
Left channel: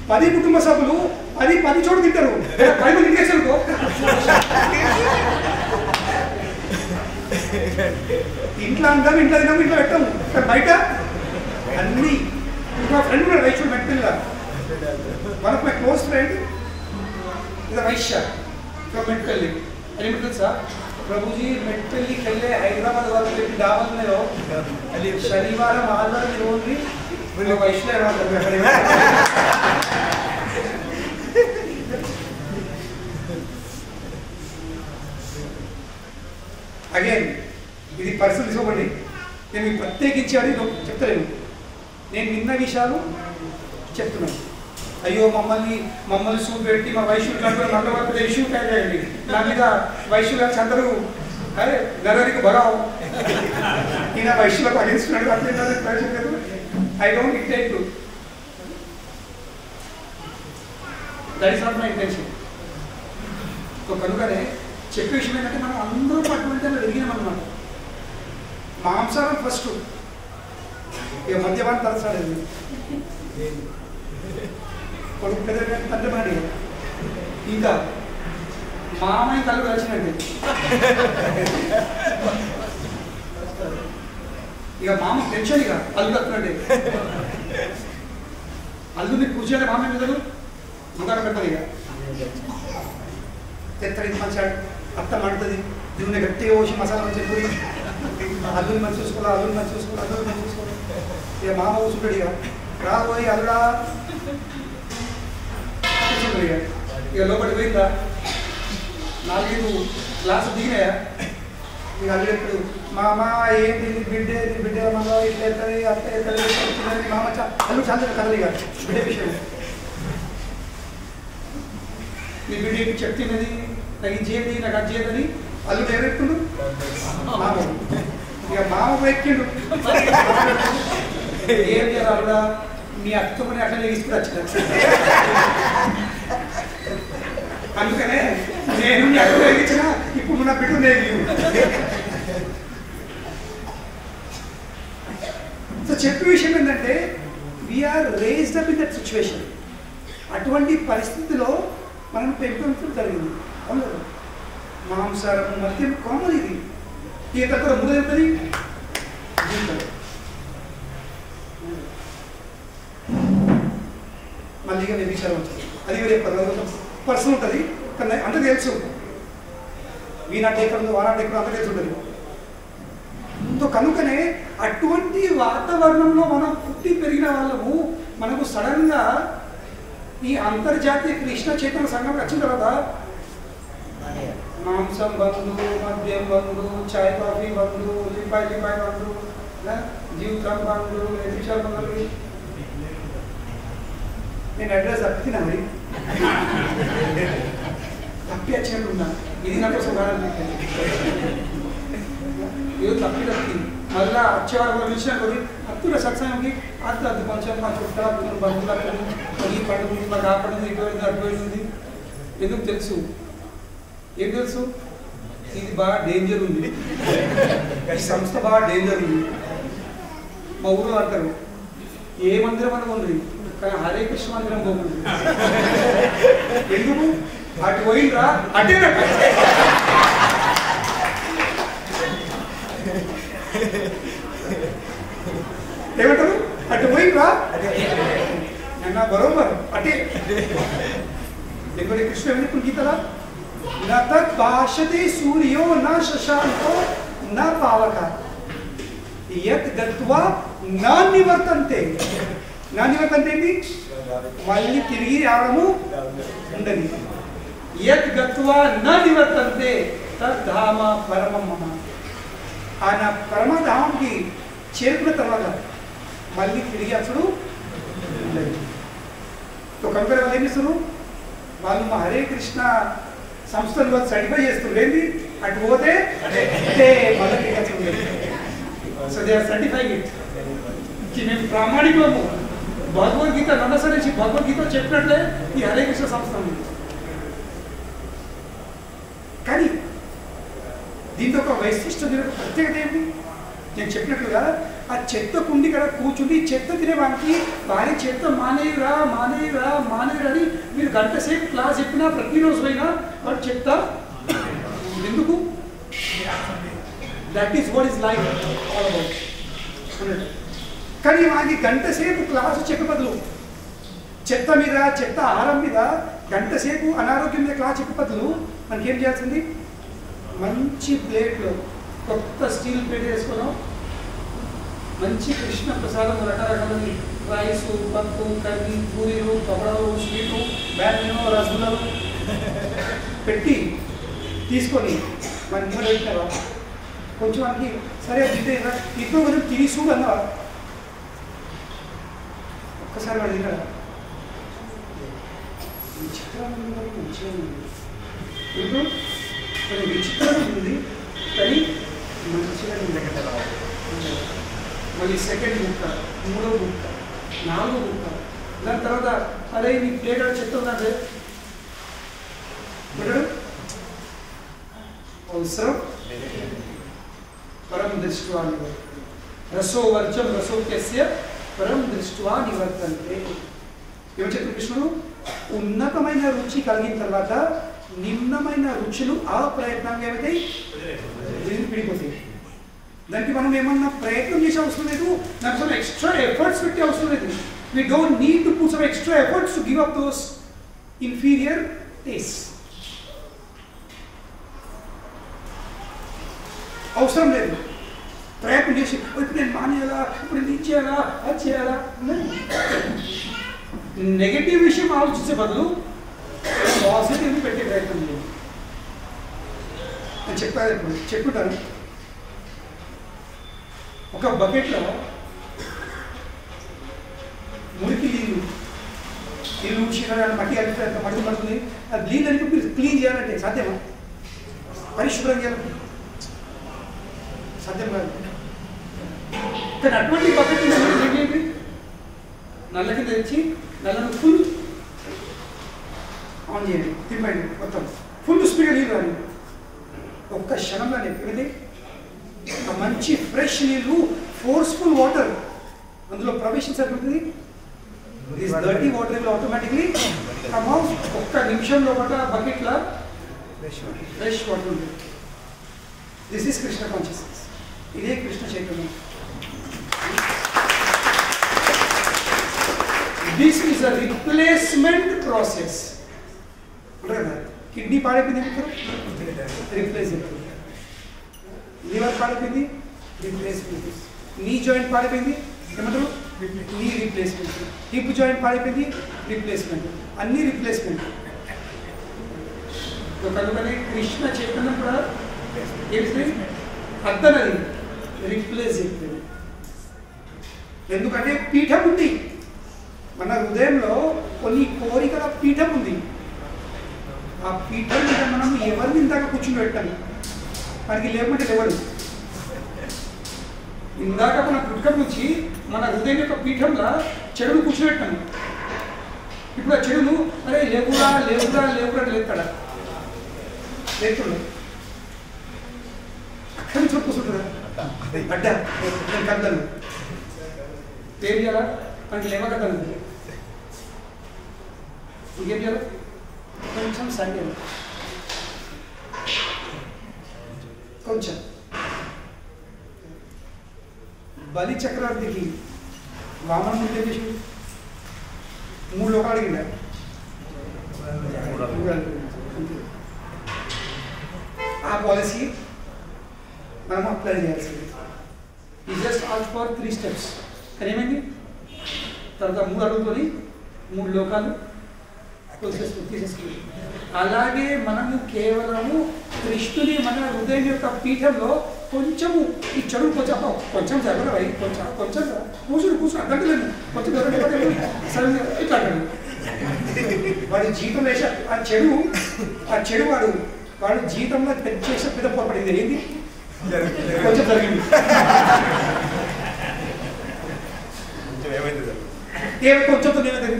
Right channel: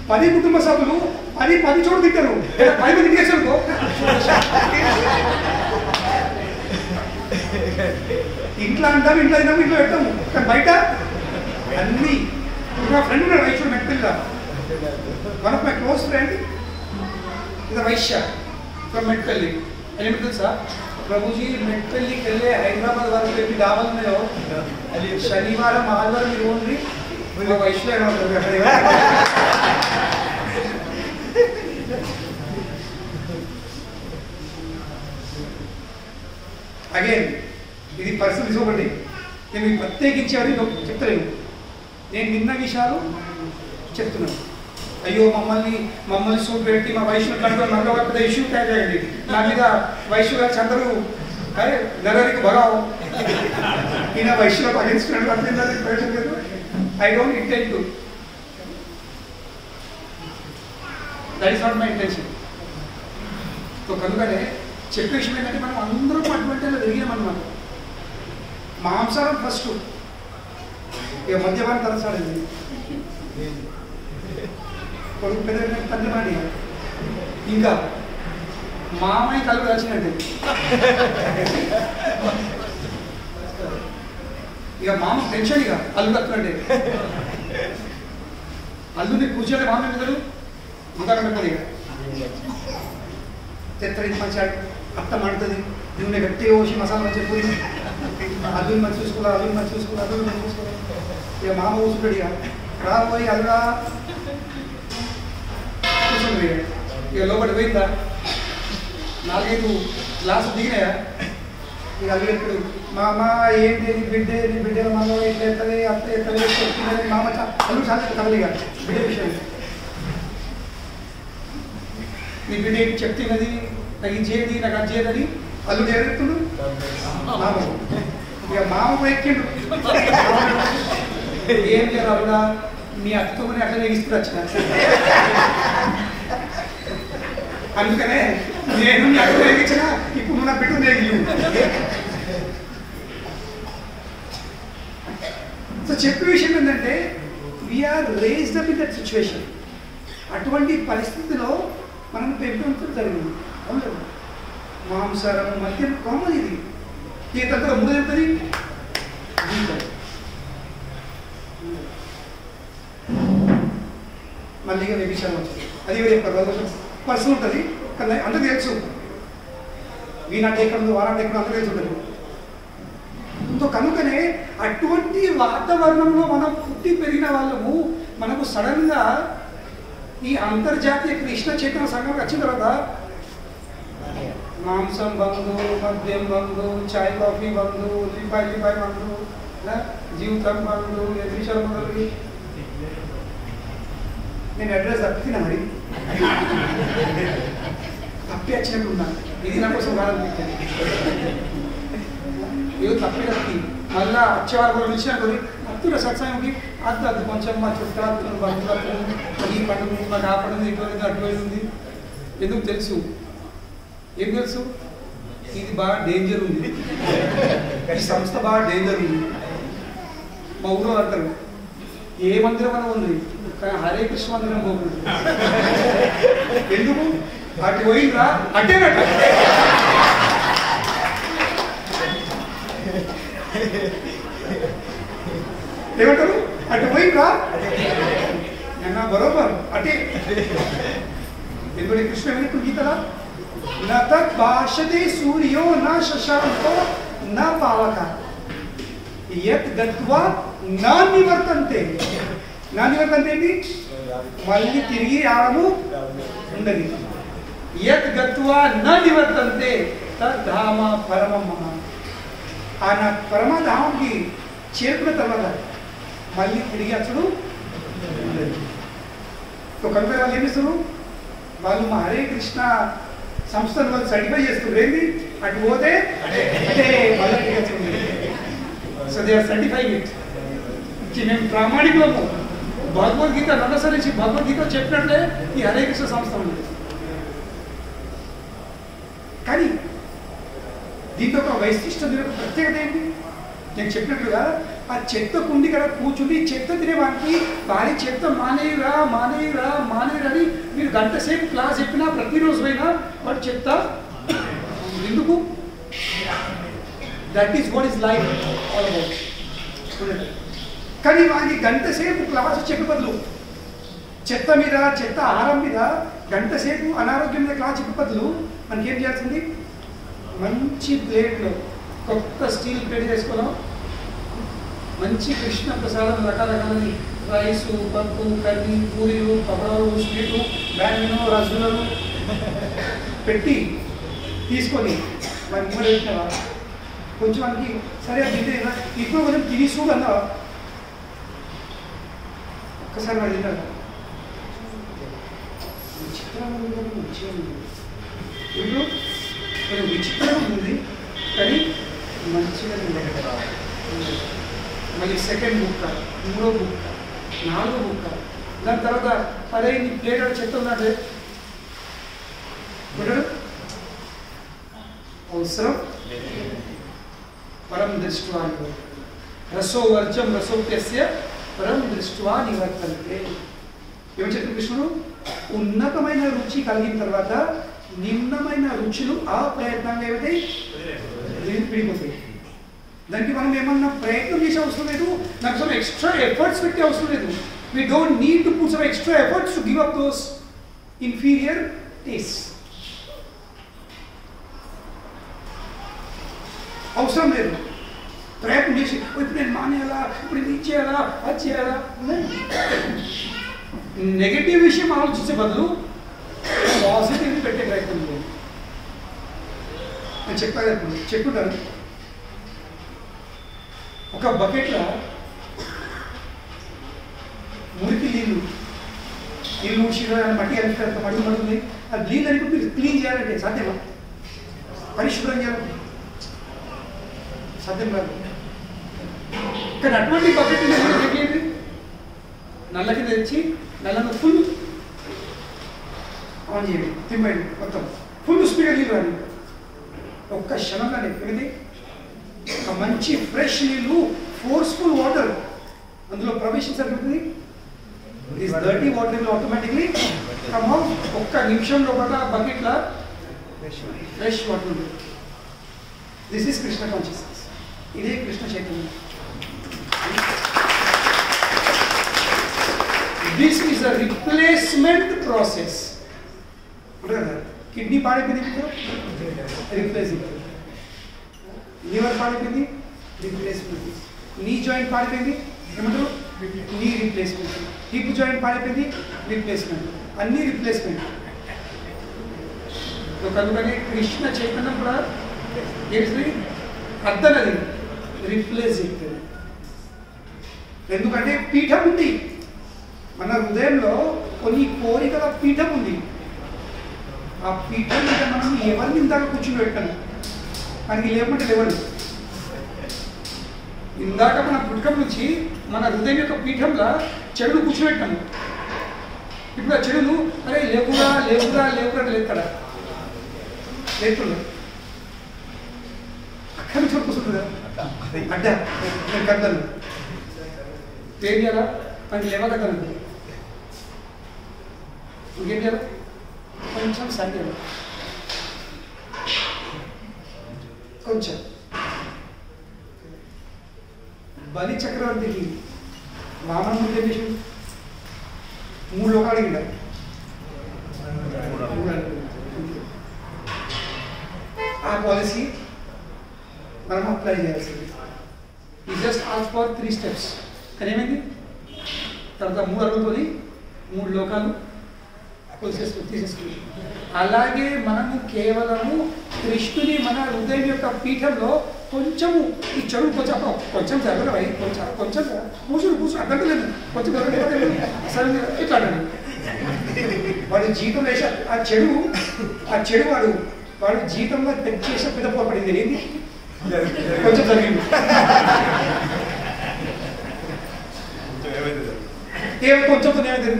10 కుటుంబ సభ్యులు 10 చోటు తింటారు. 10 మంది ఇంటికి వచ్చారు. ఇంట్లో అంటాము, ఇంట్లో తిన్నాము, ఇంట్లో పెట్టాము, కానీ బయట అన్నీ. మా ఫ్రెండ్ ఉన్నాడు వైశ్యుడు మెట్టిల్లా. One of my close friend is వైశ్య ఫ్రమ్ మెట్పల్లి. అని ఏమిటి తెలుసా, ప్రభుజీ మెట్పల్లికి వెళ్ళే హైదరాబాద్ వరకు ఎన్ని డాబాలు ఉన్నాయో శనివారం ఆదివారం మీరు ఓన్లీ వైశ్యులే అగైన్ ఇది పరిస్థితి తీసుకోకండి. నేను మీకు ప్రత్యేకించి అది చెప్తలేను, నేను విన్న విషయాలు చెప్తున్నాను. అయ్యో మమ్మల్ని సూట్ పెట్టి మా వైశ్యులు కంటే మనలో పెద్ద ఇష్యూ తయారయ్యండి. నా మీద వైశ్యు గారు అందరూ అరే నరరికి బగావు ఈయన వైశ్యులకు అగేన్స్ట్ అట్లా ప్రయోజనం లేదు. I don't intend to, that is not my intention. So కనుకనే చెప్పే విషయం ఏంటంటే మనం అందరం అటువంటి అలా పెరిగినామన్నమాట. మాంసారం ఫస్ట్, ఇక మద్యపానం తలసాడండి, కొడుకు పెద్ద తండ్రి పడి, ఇంకా మామయ్య కళ్ళు కలిసినట్టు. ఇక మామ టెన్షన్, ఇక అల్లుడు వస్తున్నట్టే. అల్లుని కూర్చోలే మామ మెదడు దుకాణం పెట్టదు. ఇక తెత్తరింది మంచిగా అత్త మంటుంది, నూనె గట్టిగా పోసి మసాలా మంచిగా పూరి, అల్లుని మంచి చూసుకోవాలి, అల్లుని మంచి చూసుకోవాలి, అల్లుని మంచి చూసుకోవాలి. ఇక మామ కూర్చుంటాడు. ఇక రాబోయి అల్లుడా కూర్చుంటుంది. ఇక లోపలికి పోయిందా, 4-5 గ్లాసులు దిగినాయా, ఇక అల్లుడు ఎప్పుడు మామ ఏంటి నీ బిడ్డ మనలో ఇట్లా ఎత్తది అట్లా ఎత్తది మామ అల్లుడు చాలా కదలి. ఇక బిడ్డ విషయం, నీ బిడ్డ ఏంటి చెప్తున్నది, నాకు ఇది చేయది, నాకు అది చేయదని అల్లుడు ఎవరెత్తుండు, మామ. ఇక మామ ఎక్కిండు. ఏం చేయాలి అల్లుడా, మీ అత్తమ్మని అట్లా తీసుకుని వచ్చిన, అందుకనే నేను నీ అత్త ఎగిచ్చిన, ఇప్పుడు నువ్వు నా బిడ్డ నేగివు. సో చెప్పే విషయం ఏంటంటే we are raised up in that situation. అటువంటి పరిస్థితిలో మనం పెంపొందడం జరిగింది. అవును, మాంసారం మద్యం కామన్. ఇది ఇక తర్వాత ముందు చెప్తుంది జీవితం. మళ్ళీ ఇక వ్యభిచారం వచ్చింది. అది ఎవరు చెప్పారు, అది కొంచెం పర్సన్ ఉంటుంది, కానీ అందరూ తెలుసు. వీనాటి ఎక్కడ ఉందో వానాటి ఎక్కడ అందరూ తెలిసి ఉంటుంది. సో కనుకనే అటువంటి వాతావరణంలో మనం పుట్టి పెరిగిన వాళ్ళము మనకు సడన్గా ఈ అంతర్జాతీయ కృష్ణ చైతన్య సంఘం వచ్చిన తర్వాత మాంసం బంధు, మద్యం బంధు, చాయ్ కాఫీ బంధు, లిపాయి బంధు, జీవితం బంధు, విషయాలు బంధువులు. నేను అడ్రస్ తప్పినా మరి తప్పి వచ్చినట్టు ఉన్నా. ఇది నా కోసం కాదని ఏదో తప్పి మళ్ళా వచ్చేవారు కూడా పిలిచిన కొద్ది అత్తుల సత్సంగంకి అద్దు కొంచెం మా చుట్టూ అత్తులు బంధువులు అత్తులు ఈ పండుగ మాకు ఆ పండుగ ఇటువంటి అటువంటి ఎందుకు తెలుసు? ఏం తెలుసు? ఇది బాగా డేంజర్ ఉంది, ఈ సంస్థ బాగా డేంజర్ ఉంది. మా ఊళ్ళో అంటారు ఏ మందిరం అని ఉంది కానీ హరే కృష్ణ మందిరం పోకూడదు. ఎందుకు? అటు పోయిండ్రా అట్టేనట్ట. ఏమంటారు? అటు పోయిండ్రా నిన్న బరోబర్ అటే. ఎందుకంటే కృష్ణ ఏమని ఇప్పుడు గీతలా నా తత్ భాషతే సూర్యో నా శశాంకో నా పావక యత్ గత్వా నా నివర్తంతే. నా నివర్తంతే ఏంటి? మళ్ళీ తిరిగి రావడము ఉండదు. యత్ గత్వా నా నివర్తంతే తద్ధామ పరమం మమ. ఆ నా పరమధామంకి చేరుకున్న తర్వాత మళ్ళీ తిరిగి అసలు ఉండదు. కనుక వాళ్ళు ఏమి ఇస్తారు? వాళ్ళు మా హరే కృష్ణ సంస్థను వాళ్ళు సర్టిఫై చేస్తున్నారు. ఏంటి? అటు పోతే అంటే మళ్ళీ తిరిగి అసలు ఉండదు. So they are certifying it. మేము ప్రామాణికులము. భగవద్గీత నడసరించి భగవద్గీత చెప్పినట్లే ఈ హరే కృష్ణ సంస్థ ఉంది. కానీ దీంతో ఒక వైశిష్టం, దీని ఒక ప్రత్యేకత ఏంటి? నేను చెప్పినట్లుగా ఆ చెత్త కుండి ఇక్కడ కూర్చుని చెత్త తినేవానికి భారీ చెత్త మానేయురా మానేయురా మానేయురా అని మీరు గంట సేపు క్లాస్ చెప్పినా ప్రతిరోజు అయినా వాడు చెత్త ఎందుకు? That is what is life all about. కానీ వానికి గంట సేపు క్లాసు చెప్పే బదులు చెత్త మీద, చెత్త ఆహారం మీద గంట సేపు అనారోగ్యం మీద క్లాస్ చెప్పే బదులు మనకి ఏం చేయాల్సింది? మంచి ప్లేట్లో కొత్త స్టీల్ ప్లేట్ చేసుకున్నాం, మంచి కృష్ణ ప్రసాదం రకరకాలది రైసు, పప్పు, కర్రీ, పూరీలు, పపడలు, స్వీటు, బ్యాన్ను, రసగుల్లలు పెట్టి తీసుకొని మనకి ఇమ్మడి పెట్టినవా కొంచెం మనకి సరే తింటే ఇప్పుడు కొంచెం తిని చూడు అన్నవా? ఒక్కసారి వాడు తిన్నాడు. విచిత్రంగా ఉంది కానీ మంచిగా ఉంది. ఇప్పుడు కొంచెం విచిత్రంగా ఉంది కానీ మంచిగా ఉంది కదా. మళ్ళీ సెకండ్ బుక్క, మూడో బుక్క, నాలుగో బుక్క, దాని తర్వాత అదే నీ ప్లేట్ చెత్త ఉన్నట్టు పెట్టడు అవసరం. పరం దృష్ట్వా రసో వర్జం రసోప్యస్య పరం దృష్ట్వా నివర్తంతే. ఏమని చెప్తారు కృష్ణుడు? ఉన్నతమైన రుచి కలిగిన తర్వాత నిమ్నమైన రుచులు ఆ ప్రయత్నంగా ఏమవుతాయి? విడిపోతాయి. దానికి మనం ఏమన్నా ప్రయత్నం చేసే అవసరం లేదు, నాకు సమ్ ఎక్స్ట్రా ఎఫర్ట్స్ పెట్టే అవసరం లేదు. We don't need to put some extra efforts to give up those inferior taste. అవసరం లేదు ప్రయత్నం చేసి ఇప్పుడు నేను మానేయాలా, ఇప్పుడు నేను ఇది చేయాలా, అది చేయాలా. నెగటివ్ విషయం ఆలోచించే బదులు పాజిటివ్ని పెట్టే ప్రయత్నం లేదు. నేను చెప్పుకుంటాను. ఒక బకెట్లో మురికి నీళ్ళు ఊడ్చినా మట్టి కలిపితే అంత మట్టి పడుతుంది. అది నీళ్ళు అని మీరు క్లీన్ చేయాలంటే సాధ్యమా? పరిశుభ్రం చేయాలంటే సాధ్యం కాదు. కానీ అటువంటి బకెట్ ఏంటి? నల్ల కింద తెచ్చి నల్లను ఫుల్ ఆన్ చేయండి, తిప్పండి, మొత్తం ఫుల్ స్పీడ్గా నీళ్ళు రాని. ఒక్క క్షణంలోనే ఏమిటి? ఒక మంచి ఫ్రెష్ నీళ్ళు, ఫోర్స్ఫుల్ వాటర్ అందులో ప్రవేశించగలుగుతుంది. This dirty water will automatically come out. ఒక్క నిమిషంలో పాటు బకెట్లో ఫ్రెష్ వాటర్ ఉంటుంది. This is Krishna consciousness. ఇదే కృష్ణ చైతన్యం. This is a replacement process. అంటే కదా కిడ్నీ పాడైపోయింది ఏమంటారు? రిప్లేస్మెంట్. లివర్ పాడైపోయింది, రీప్లేస్మెంట్. నీ జాయింట్ పాడైపోయింది, ఏమంటారు? Knee replacement. హిప్ జాయింట్ పాడైపోయింది, రీప్లేస్మెంట్. అన్ని రీప్లేస్మెంట్. కనుకనే కృష్ణ చైతన్యం కూడా ఏంటి అర్థనది రిప్లేస్ అవుతుంది. ఎందుకంటే పీఠం ఉంది మన హృదయంలో, కొన్ని కోరికల పీఠం ఉంది. ఆ పీఠం మీద మనం ఎవరిని ఇందాక కూర్చుని పెట్టాము, మనకి లేకుంటే లేవడు. ఇందాక మన పుట్టుక నుంచి మన హృదయం యొక్క పీఠంలో చెడును కూర్చోబెట్టాము. ఇప్పుడు ఆ చెడును అరే లేకురా లేకురా లేకురా లేస్తాడా? లేస్తుడు అక్కడి నుంచి కూర్చుంటుందా? అడ్డ నేను కద్దను ఏం చేయాలా? మనకి లేవక కదదు. ఇంకేం చేయాలి? కొంచెం సాధ్యం, కొంచెం. బలి చక్రవర్తికి వామన ముందు ఏం చేసి 3 లోకాలు అడిగిండ. ఆ పాలసీ మనం అప్లై చేయాల్సింది. ఈ జస్ట్ ఆల్స్ ఫర్ 3 స్టెప్స్. కానీ ఏమైంది? తర్వాత 3 అడుగుకొని 3 లోకాలు తీసేసుకుంది. అలాగే మనము కేవలము కృష్ణుని మన హృదయం యొక్క పీఠంలో కొంచెము ఈ చెడు కొంచెం జరగదు, కొంచెం కూర్చుని అడ్డంటలేదు, కొంచెం జరగలేదు ఇట్లా అంటాడు వాడు. జీవితంలో వేసే ఆ చెడు వాడు జీవితంలో చేసే పెద్ద పొరపడింది. ఏంటి? కొంచెం జరిగింది. కొంచెంతో ఏమైంది?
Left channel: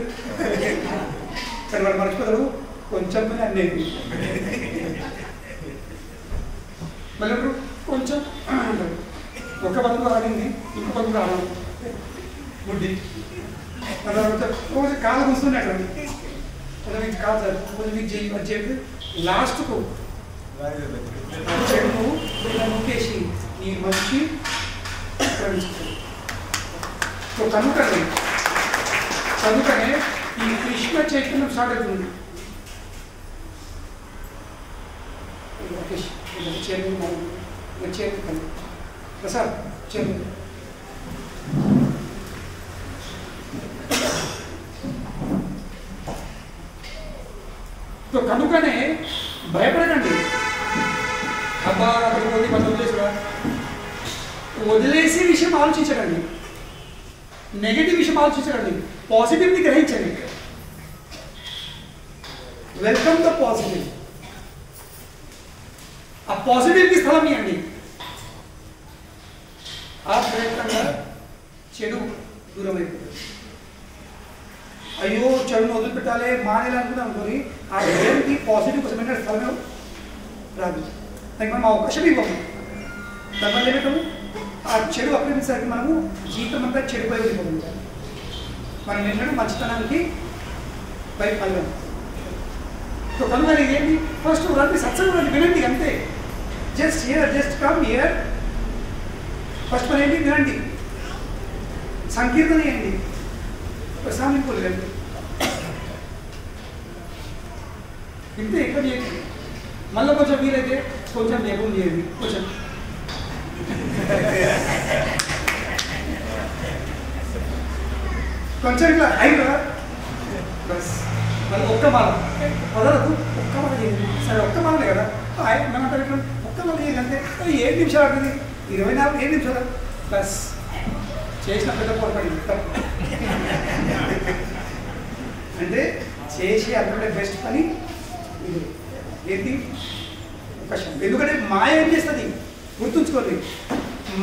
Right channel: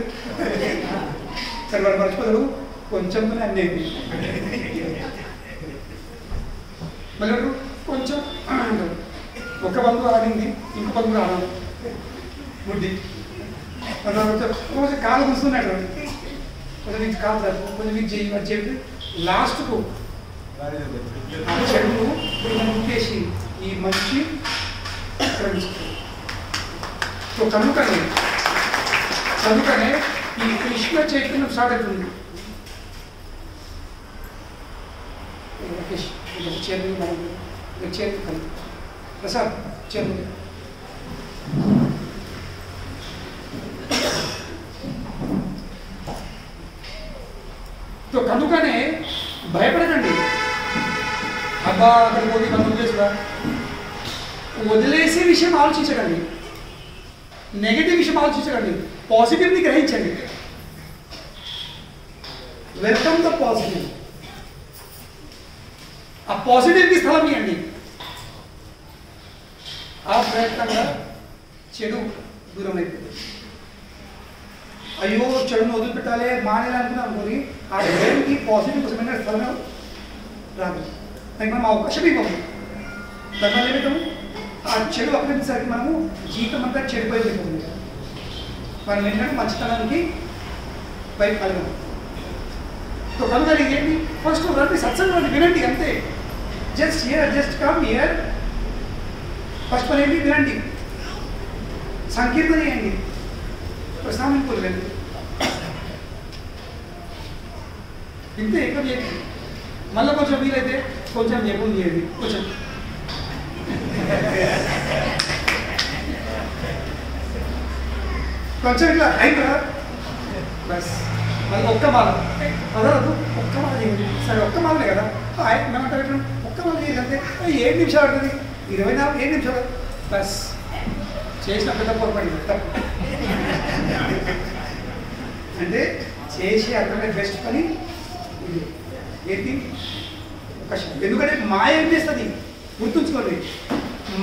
కానీ వాడు మర్చిపోతాడు, కొంచెంతోనే అన్నీ అయింది. మళ్ళీ కొంచెం అంటాడు. ఒక బంధువు ఆడింది, ఇంకో బంధువు ఆడాలి బుడ్డి. కొంచెం కాలు కూర్చున్నట్లు, కొంచెం మీకు కాదు సార్, కొంచెం మీకు చేయి అని చెప్పి లాస్ట్కు చెడు ఇలా నొక్కేసి ఈ మంచి సో కనుకనే ఈ కృష్ణ చైతన్యం స్టార్ట్ అవుతుంది. చైర్మన్ మనం చైర్మన్ ప్రసాద్ చైర్మన్ సో కనుకనే భయపడకండి. అబ్బా అక్కడికి పోతే మనం వదిలేసురా, వదిలేసే విషయం ఆలోచించకండి, నెగటివ్ విషయం ఆలోచించకండి, పాజిటివ్ని గ్రహించండి. Welcome the positive. ఆ పాజిటివ్కి స్థలం ఇవ్వండి. ఆ ప్రయత్నంగా చెడు దూరం అయిపోతుంది. అయ్యో చెడును వదిలిపెట్టాలి మానేయాలనుకున్నాం అనుకుని ఆ బ్రెయిన్కి పాజిటివ్ కోసమైనా స్థలమే రాదు. దానికి మనం అవకాశం ఇవ్వము. దానివల్ల ఏమిటము ఆ చెడు అప్రమించడానికి మనము జీవితం అంతా చెడుపై వెళ్ళిపోతుంది. మనం ఏంటంటే మంచితనానికి వైపు కలగం. సో కనుక ఏంటి? ఫస్ట్ రండి, సత్సంగం రండి, వినండి అంతే. Just come here. ఫస్ట్ పని ఏంటి? వినండి, సంకీర్తన చేయండి, ప్రసామింపు వెళ్ళండి, ఇంతే. ఎక్కువ చేయండి. మళ్ళీ కొంచెం వీలైతే కొంచెం జపం చేయండి, కొంచెం ఇట్లా అయిందా బస్. మళ్ళీ ఒక్క మాల పదవద్దు, ఒక్క మాల చేయండి. సరే ఒక్క మాలనే కదా, మేమంటారు ఎట్లా ఒక్క మాల చేయండి అంతే. 7 నిమిషాలు ఉంటుంది, 24 నిమిషాలు బస్. చేసిన పెద్ద పొరపడింది అంటే చేసి అంతకంటే బెస్ట్ పని ఇది. ఏంటి? అవకాశం. ఎందుకంటే మాయ ఏం చేస్తుంది గుర్తుంచుకోండి.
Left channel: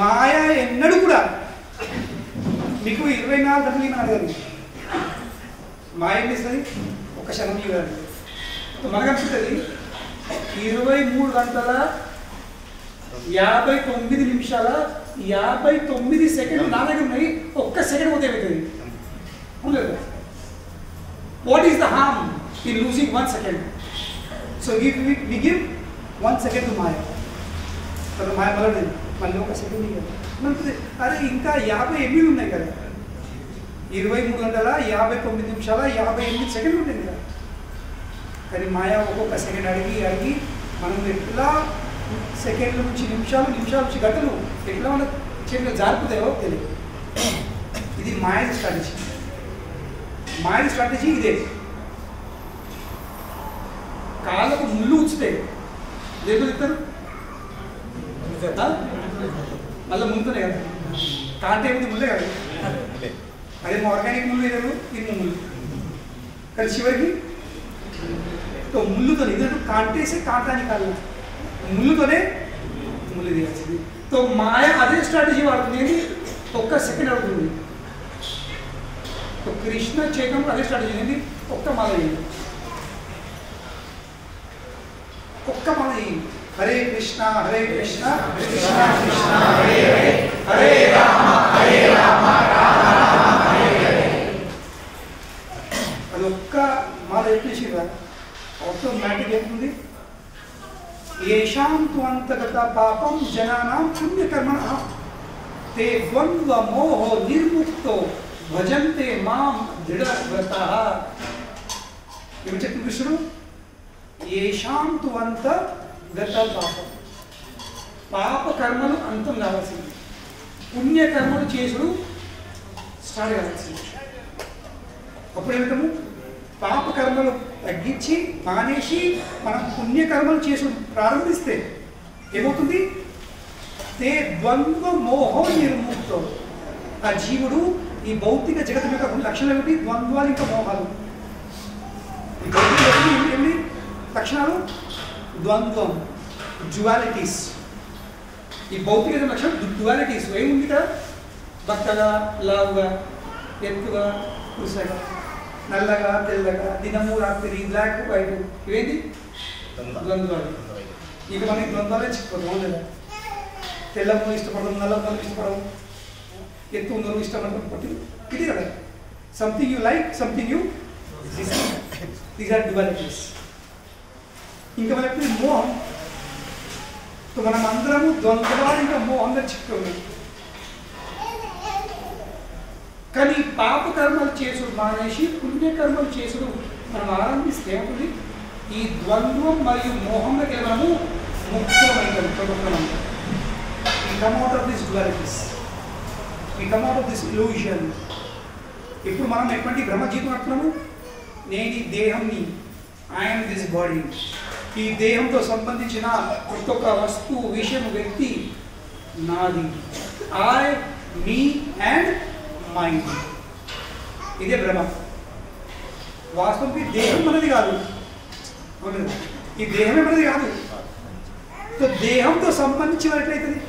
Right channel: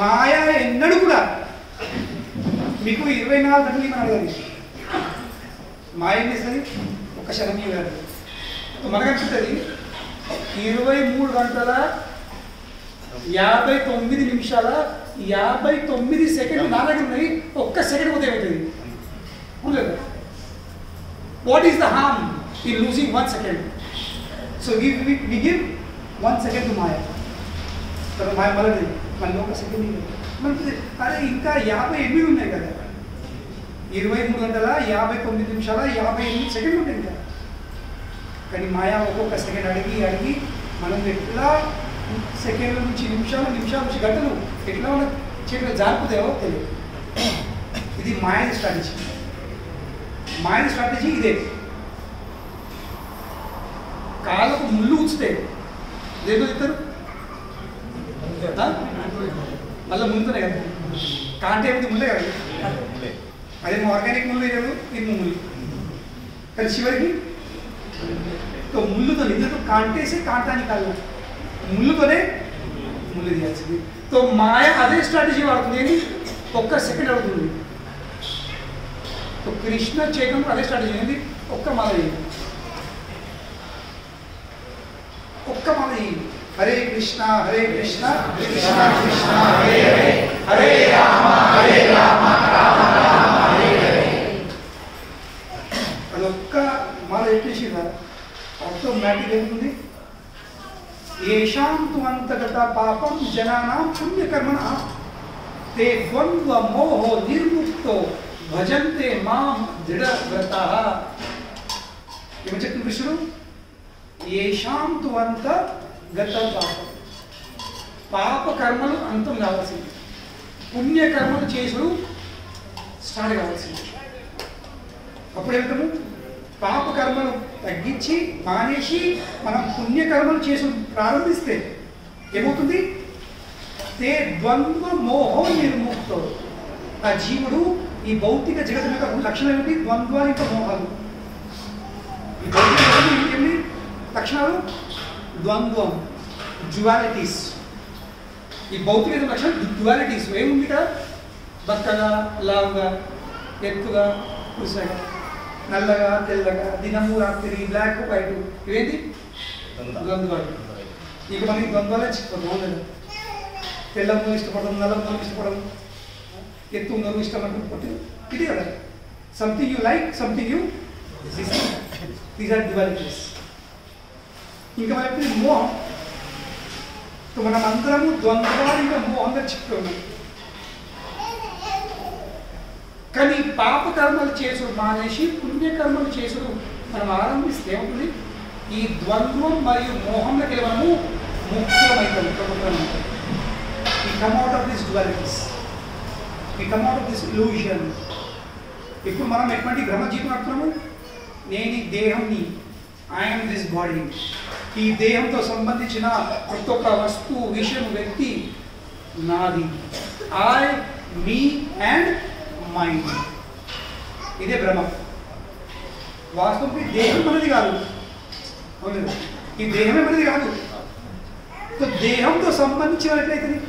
మాయ ఎన్నడూ కూడా మీకు 24 గంటలు ఇవ్వని అడగదు. మాయ ఏం చేస్తుంది? ఒక క్షణం ఇవ్వాలి. మనకు అనిపిస్తుంది 23 గంటల 59 నిమిషాల 59 సెకండ్లు నా దగ్గర ఉన్నాయి, ఒక్క సెకండ్ పోతే ఏమవుతుంది? అవును. What is the harm in losing 1 second? So we give 1 second to మాయ. తర్వాత మాయ మళ్ళీ ఒక సెకండ్ ఇవ్వాలి. అరే ఇంకా 58 ఉన్నాయి కదా, 23 గంటల 59 నిమిషాల 58 సెకండ్లు ఉంటాయి కదా. కానీ మాయ ఒక్కొక్క సెకండ్ అడిగి మనం ఎట్లా సెకండ్ల నుంచి నిమిషాల నుంచి గంటలు ఎట్లా మన చేతులు జారిపోతాయో తెలియదు. ఇది మాయని స్ట్రాటజీ. మాయని స్ట్రాటజీ ఇదే. కాళ్ళకు ముళ్ళు ఉంచితే దేంతో తింటారు? మళ్ళీ ముళ్ళుతోనే కదా, కాంటే ఏమిటి ముళ్ళే కదా. అదే ఆర్గానిక్ ముళ్ళు ఏదో ఇది ముళ్ళు, కానీ చివరికి ముళ్ళుతో ఎందుకంటే కాంటేసే కాంటానికి కాదు, ముళ్ళుతోనే ముళ్ళు తీయాల్సింది. తో మాయ అదే స్ట్రాటజీ వాడుతుంది, ఏంటి ఒక్క సెకండ్ అవుతుంది. तो कृष्ण चैतन्य अदे स्ट्राटजी ఏంటి ఒక్క మాల చేయండి, ఒక్క మాల చేయండి. హరే కృష్ణ హరే కృష్ణ కృష్ణ కృష్ణ హరే హరే హరే రామ రామ రామ హరే హరే అది ఒక్క మాల చెప్పేసిరా ఆటోమేటిక్ ఏమవుతుంది? ఏషాం తు అంతగత పాపం జనానాం పుణ్యకర్మణ తే ద్వంద్వ మోహో నిర్ముక్తో భజంతే మాం దృఢవ్రతః. ఏమి చెప్తుంది కృష్ణుడు? ఏషాం తు అంతగత పాపం, పాప కర్మలు అంతం కావాల్సింది, పుణ్యకర్మలు చేసుడు స్టార్ట్ కావాల్సింది. అప్పుడు ఏమిటము? పాప కర్మలు తగ్గించి మానేసి మనం పుణ్యకర్మలు చేసుడు ప్రారంభిస్తే ఏమవుతుంది? తే ద్వంద్వ మోహో నిర్ముక్తో. ఆ జీవుడు ఈ భౌతిక జగత్తు యొక్క లక్షణాలు ఏమిటి? ద్వంద్వాలు ఇంకా మోహాలు. ఈ భౌతిక జగత్తు ఏమిటి లక్షణాలు? ద్వంద్వం, డ్యువాలిటీస్. ఈ భౌతిక లక్షణం డ్యువాలిటీస్. ఏముంది ఇక్కడ? బక్కగా లావుగా, ఎత్తుగా కురుసగా, నల్లగా తెల్లగా, దినము రాత్రి, బ్లాక్ వైట్, ఇవేంటి ద్వంద్వాలు. ఇక మనకి ద్వంద్వాలే చిక్కుపోతుంది. తెల్ల మూలు ఇష్టపడడం, నల్ల మూలు ఇష్టపడడం, ఎత్తు ఉన్నది ఇష్టం అంటే పుట్టి ఇది కదా. Something you like, something you dislike. These are dualities. ఇంకా మన ఎప్పుడు మోహం. మనం అందరము ద్వంద్వాలు ఇంకా మోహంగా చిక్కున్నాం. కానీ పాప కర్మలు చేసుడు మానేసి పుణ్యకర్మలు చేసుడు మనం ఆరంభిస్తే ఏమవుతుంది? ఈ ద్వంద్వం మరియు మోహంలోకి మనము ముక్తమైతాం. We come out of these dualities. We come out of this illusion. ఇప్పుడు మనం ఎటువంటి బ్రహ్మజీవితం నడుపుతున్నాము? నేను ఈ దేహంని, ఐఎమ్ దిస్ బాడీ. ఈ దేహంతో సంబంధించిన ప్రతి ఒక్క వస్తువు, విషయం, వ్యక్తి నాది. I, me and mind. ఇదే భ్రమ. వాస్తవానికి దేహం మనది కాదు. ఈ దేహమే మనది కాదు. సో దేహంతో సంబంధించిన ఎట్లయితుంది?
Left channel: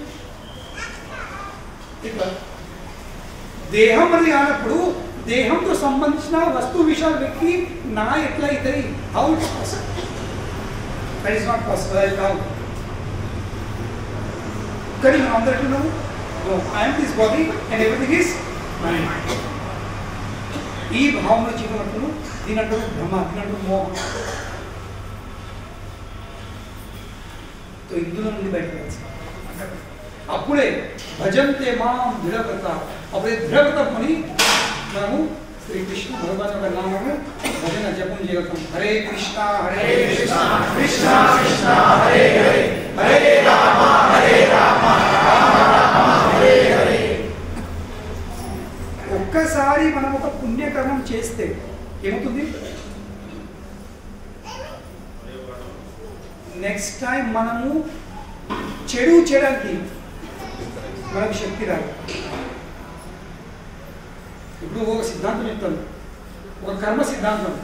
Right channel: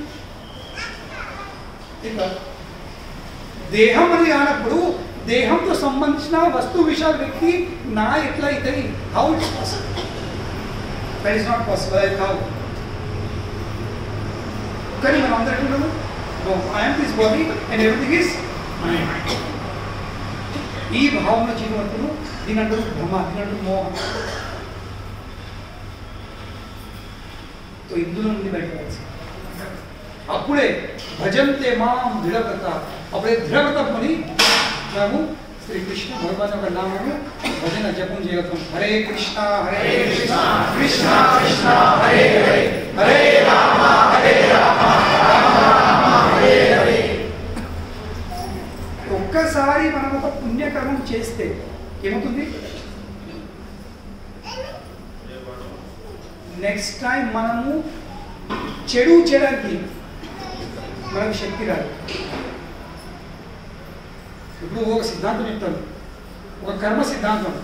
ఇట్లా దేహం మనది కానప్పుడు దేహంతో సంబంధించిన వస్తువు, విషయాలు, వ్యక్తి నా ఎట్లా అవుతాయి? How it's possible? That is not possible. అది కాదు. కానీ మనం అందరూ ఎట్లున్నాము? No, I'm this body and everything is mind. ఈ భావన జీవనప్పుడు దీని అంటారు భ్రమ, దీని అంటారు మోహం. ఇందులో నుండి బయటపడాల్సి. అప్పుడే భజంతే మాం దృఢవ్రత. అప్పుడే దృఢవ్రతం కొని మనము శ్రీకృష్ణ భగవాన్ యొక్క నామము భజన జపం చేయగలుగుతాం. హరే కృష్ణ హరే కృష్ణ కృష్ణ కృష్ణ హరే హరే హరే రామ రామ రామ హరే హరే. ఒక్కసారి మనం ఒక పుణ్యకర్మం చేస్తే ఏమవుతుంది? నెక్స్ట్ టైం మనము చెడు చేయడానికి మనకు శక్తి రాదు. ఇప్పుడు ఒక సిద్ధాంతం చెప్తాను, ఒక కర్మ సిద్ధాంతం.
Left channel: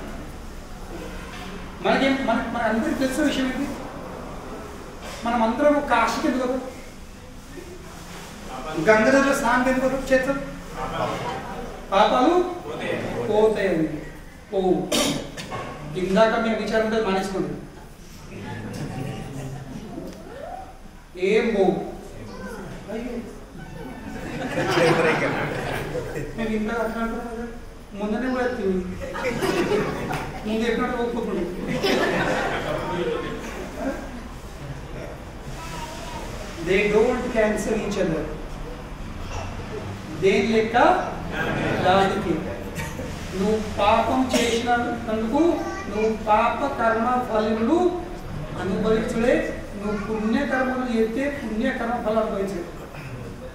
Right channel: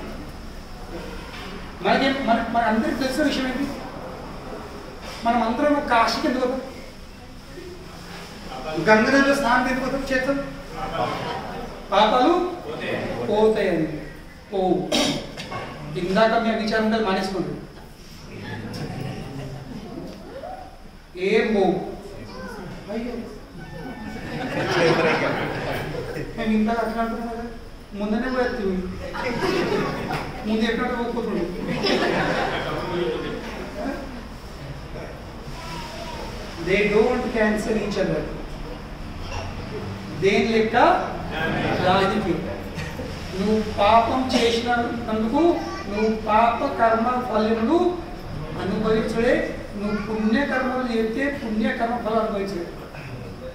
మన అందరికి తెలిసిన విషయం ఏంటి? మనం అందరం ఒక కాశీకి ఎందుకు పోతాం? గంగా నదిలో స్నానం ఎందుకు పోతాం? చేస్తాం. పాపాలు పోతాయని. పోవు. ఇందాక మేము విచారం ఉంటుంది, మానేసుకోండి. ఏం పోవు. అయ్యో మేము ఇందాక అట్లా అంటున్నాం కదా, ముందనే కూడా ఎత్తి ముందు ఎప్పుడు పోకపోతుంది. They don't cancel each other. దేని లెక్క రాజుకి. నువ్వు పాపం చేసినందుకు నువ్వు పాప కర్మ ఫలములు అనుభవించలే. నువ్వు పుణ్యకర్మలు చేస్తే పుణ్యకర్మ ఫలం అనుభవించలే.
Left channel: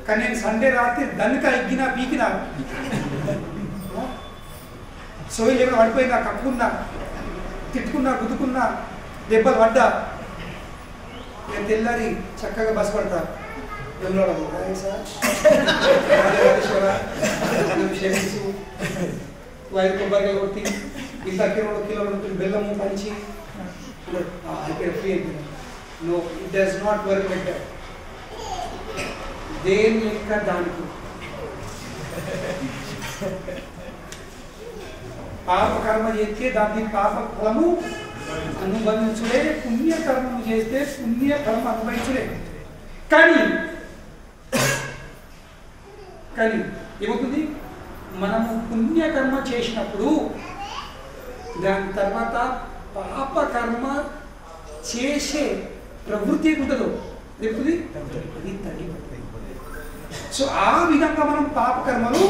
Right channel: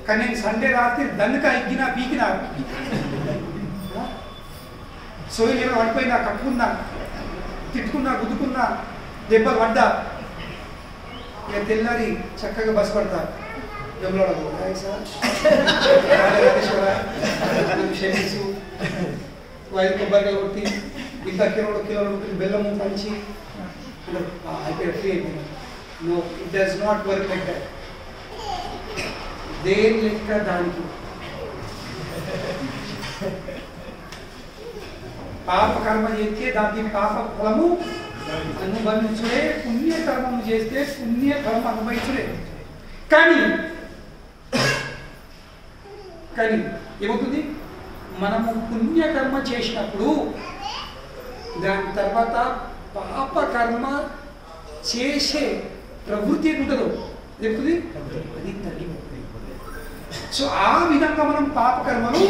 కానీ నేను సండే రాత్రి దన్నుక ఎగ్గినా పీకినా, సోయి లేకుండా పడిపోయినా, కప్పుకున్నా, తిట్టుకున్నా, గుద్దుకున్నా, దెబ్బలు పడ్డా నేను తెల్లారి చక్కగా బస్ పడతాను వెంబడాడు క్షమించు 5 కొబ్బరికాయలు కొట్టి ఇంత కిలో బెల్లము పంచి అయిపోయిన ఫ్రీ అయిపోయినా no it does not work like that దేని లెక్క దానికి పాప కర్మ చేస్తే దానికి పాప ఫలము అనుభవించుడే పుణ్యకర్మము చేస్తే పుణ్యఫలం అనుభవించుడే కానీ ఏమవుతుంది మనము పుణ్యకర్మ చేసినప్పుడు దాని తర్వాత పాపకర్మ చేసే ప్రవృత్తి ఉంటుందో ఏమవుతుంది అది తగ్గిపోతుంది సో ఆ విధంగా మనం పాపకర్మలు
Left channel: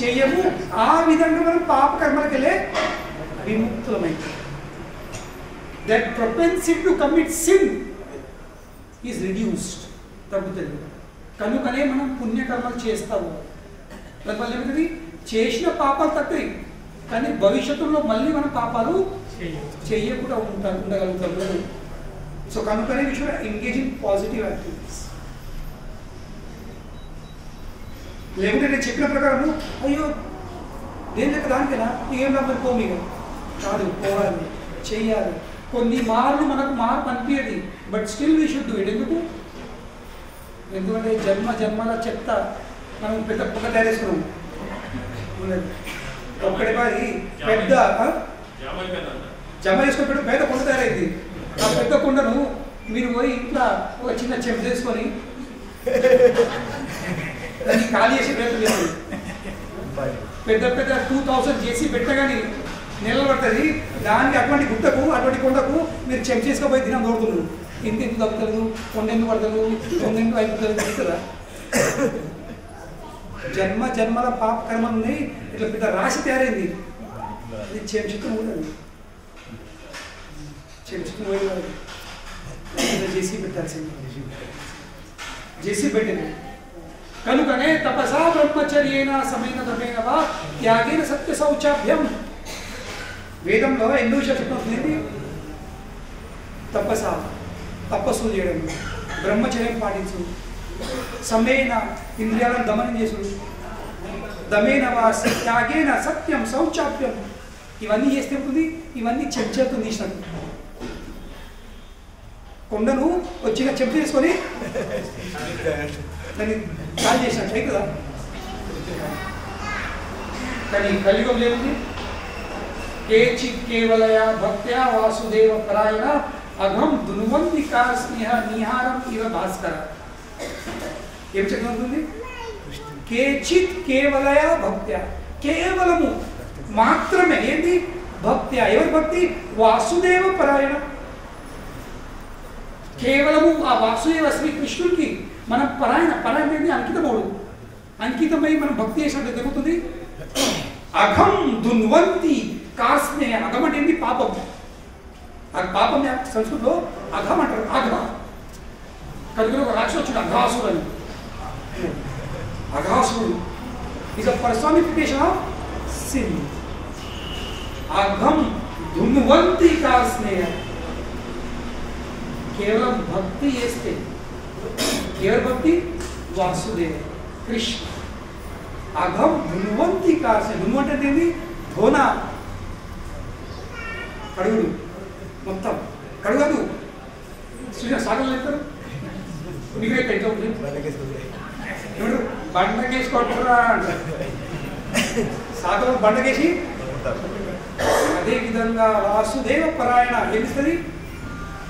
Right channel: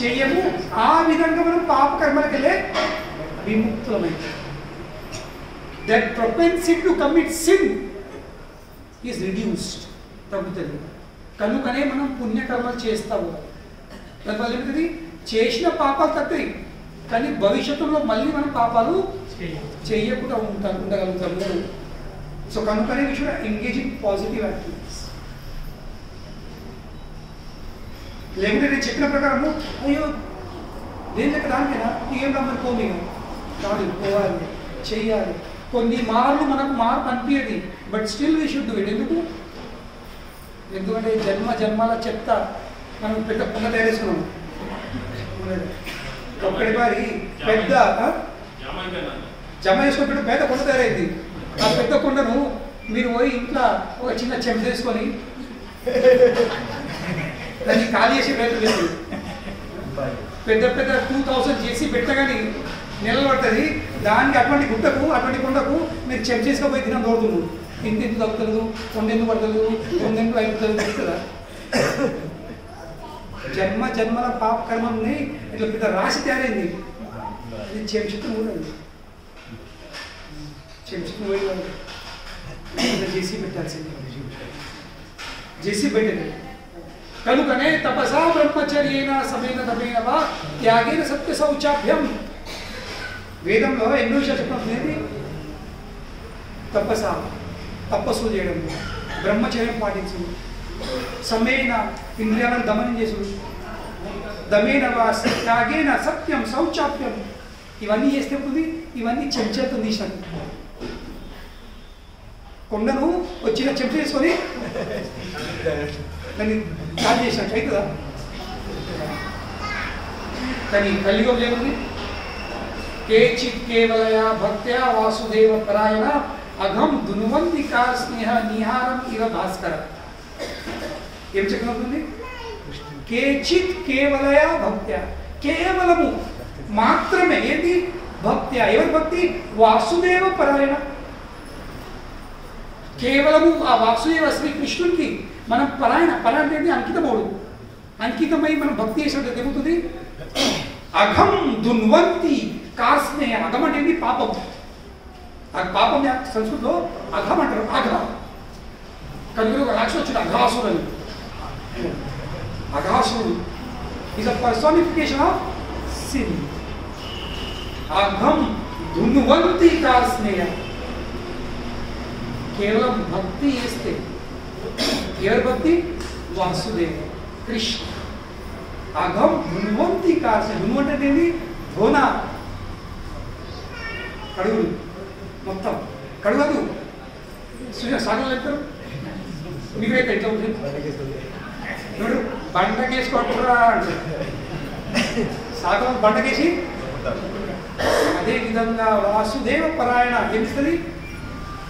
చేయము ఆ విధంగా మనం పాపకర్మలకెళ్ళే విముక్తులమైంది that propensity to commit sin is reduced తగ్గుతుంది కనుకనే మనం పుణ్యకర్మలు చేస్తాము దానివల్ల ఏమిటది చేసిన పాపాలు తగ్గాయి కానీ భవిష్యత్తులో మళ్ళీ మనం పాపాలు చేయకుండా ఉండగలుగుతాము సో కనుకనే we should engage in positive activities లేకుంటే నేను చెప్పిన ప్రకారము అయ్యో దేని లెక్క దానికైనా ఏం రమ్మని పోమీగా కాదు పోవాలి చెయ్యాలి కొన్ని మార్లు మనకు మార్పు అనిపించదు but still we should do it ఎందుకంటే జన్మల చెత్త మనం పెద్ద కుండ తయారు చేసుకున్నాము ఒక్కడి పారి పెద్ద జమ చేసుకుని పెద్ద కుండ తయారైంది ఆ పెద్ద కుండను మీరు పోయి ఇంట్లో ఒక చిన్న చెంచ చేసుకొని దాన్ని ఖాళీ చేసి ప్రయత్నం చేస్తుంది పెద్ద 2000 చేసి పెట్టగాని నెలలు పడుతుంది దానికి అటువంటి గుట్టకు అటువంటి కొండకు మీరు చెంచేసుకపోయి దినం దోడుతున్నారు ఇంత తగ్గుతుంది కొండెందుకు పడతలేదు కొండెందుకు అయిపోతుంది కదా జన్మల పాప కర్మల్ని ఇట్లా పెద్ద రాశి తయారైంది అది చెంచుకుని ఉండదు చెంచుకుని పోయి చేసి పెట్టాల్సింది చేసి పెట్టింది కనుకనే తపసా బ్రహ్మచర్యేన సమేన తపేన వా త్యాగేన సత్య శౌచాభ్యం వేదంలో ఎన్నో విషయాలు చెప్పినది తపస్సు చేయడం బ్రహ్మచర్యం పాటించు సమేన ఇంద్రియాలను దమనం చేసుడు దమేన వా త్యాగేన సత్యం శౌచాభ్యం ఇవన్నీ చేస్తే ఉంటుంది ఇవన్నీ చెంచాలతో తీసినట్టు కొండను వచ్చిన చెంచా చేసుకొని దాన్ని కాల్ చేసినట్టు అవుతుందా కానీ కలియుగం లేకుంది కేచిత్ కేవలయా భక్త్యా వాసుదేవ పరాయణ అఘం దునువంతి కా స్నేహ నిహారం ఇవ భాస్కర ఏం చెప్పబోతుంది కేచిత్ కేవలయా భక్త్యా కేవలము మాత్రమే ఏంటి భక్త్యా ఎవరి భక్తి వాసుదేవ పరాయణ కేవలము ఆ వాసుదేవ శ్రీకృష్ణుడికి మనం పరాయణ అనేది అంకితమై మనం భక్తి చేసినట్టు జరుగుతుంది అఘం దున్వంతి కాస్నే అఘం అంటే ఏంటి పాపం పాపం సంస్కృతిలో అఘం అంటారు అఘ కనుక ఒక రాక్షసుడు అఘాసుడు అని అఘాసుడు is a personification of sin అఘం దున్వంతి కాస్నేయ కేవలం భక్తి చేస్తే ఎవరి భక్తి వాసుదేవ కృష్ణ అఘం ధున్వంతి కార్సే ధున్వంటి అంటే ఏంటి ధోన కడుగుడు మొత్తం కడుగదు సాగలు చెప్తారు మీకు రేపు ఎట్లా ఉంటుంది ఎవరు బండకేసుకోవట్రా అంటారు సాగలు బండకేసి అదేవిధంగా వాసుదేవ పరాయణ ఏమిస్తుంది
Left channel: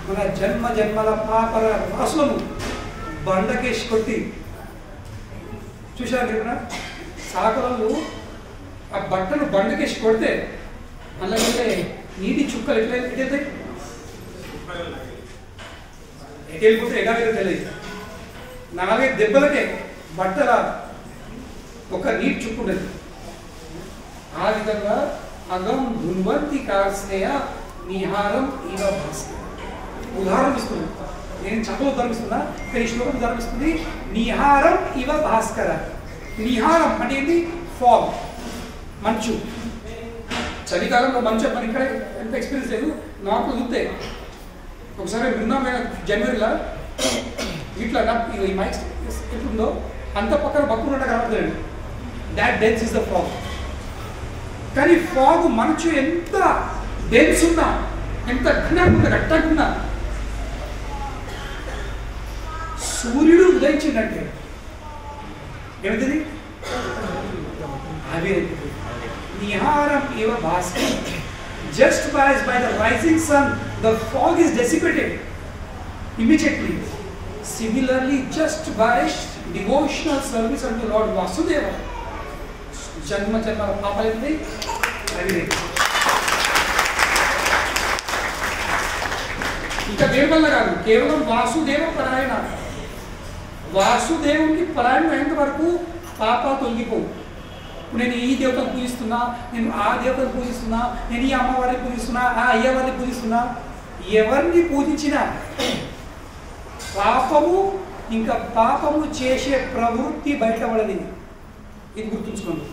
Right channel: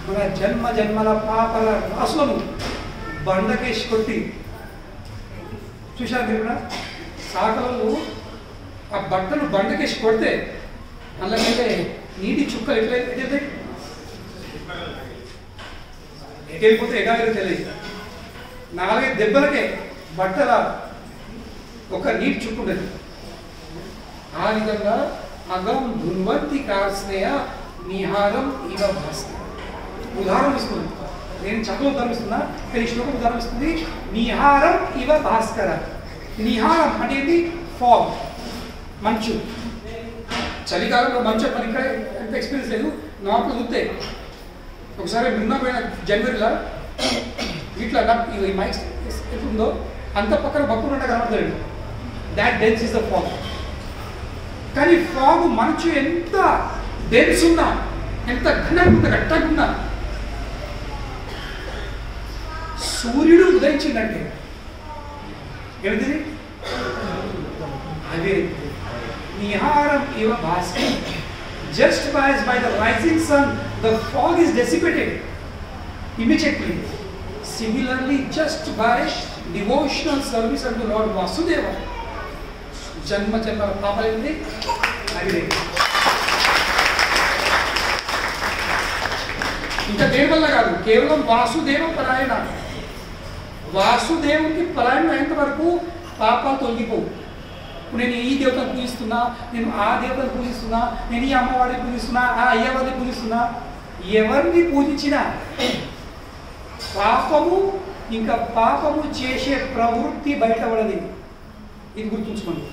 మన జన్మల పాపల రాసులను బండకేసి కొట్టి చూశారు మీరు సాకలు ఆ బట్టలు బండకేసి కొడితే అందుకంటే నీటి చుక్కలు ఎటెళ్తాయి ఎటెళ్ళిపోతే ఎడాగలు తెలియదు 4 దెబ్బలకే బట్టల ఒక నీటి చుక్కు ఉండదు ఆ విధంగా అగం ధున్వంతి కార్స్నేయ నిహారం ఇవ భాస్కర ఉదాహరణ ఇస్తుంది నేను చదువు ఉదాహరణిస్తున్నా కానీ శ్లోకం ఉదాహరణిస్తుంది నిహారం ఇవ భాస్కర నిహారం అనేది ఫాగ్ మంచు చలికాలంలో మంచు మనకి ఇక్కడ ఎంత ఎక్స్పీరియన్స్ లేదు నార్మల్ చూస్తే ఒకసారి నిన్న జనవరిలో ఇట్లా ఈ మైక్ ఎట్లుందో అంత పక్కన భక్తులు అంటే కనబడతాడు. That dense is the fog. కానీ ఫాగ్ మనసు ఎంత డెన్స్ ఉన్నా, ఎంత ఘనంగా ఉన్నా, గట్టగా ఉన్నా, సూర్యుడు ఉదయించిందంటే ఏమిటిది? అవి నిహారం ఇవ Bhaskar. Just by the rising sun, the fog is dissipated immediately. Similarly, just by devotional service unto Lord Vasudeva, janma janma papalindi avide. ఇంకా దేని వల్ల కాదు, కేవలం వాసుదేవ పరాయణ. వాసుదేవుని పరాయణం అయ్యేంత వరకు పాపాలు తొలగిపోవు. ఇప్పుడు నేను ఈ దేవతను పూజిస్తున్నా, నేను ఆ దేవతను పూజిస్తున్నా, నేను ఈ అమ్మవారిని పూజిస్తున్నా, ఆ అయ్యవారిని పూజిస్తున్నా, ఎవరిని పూజించినా పాపము ఇంకా పాపము చేసే ప్రవృత్తి బయటపడది. ఇది గుర్తుంచుకోండి.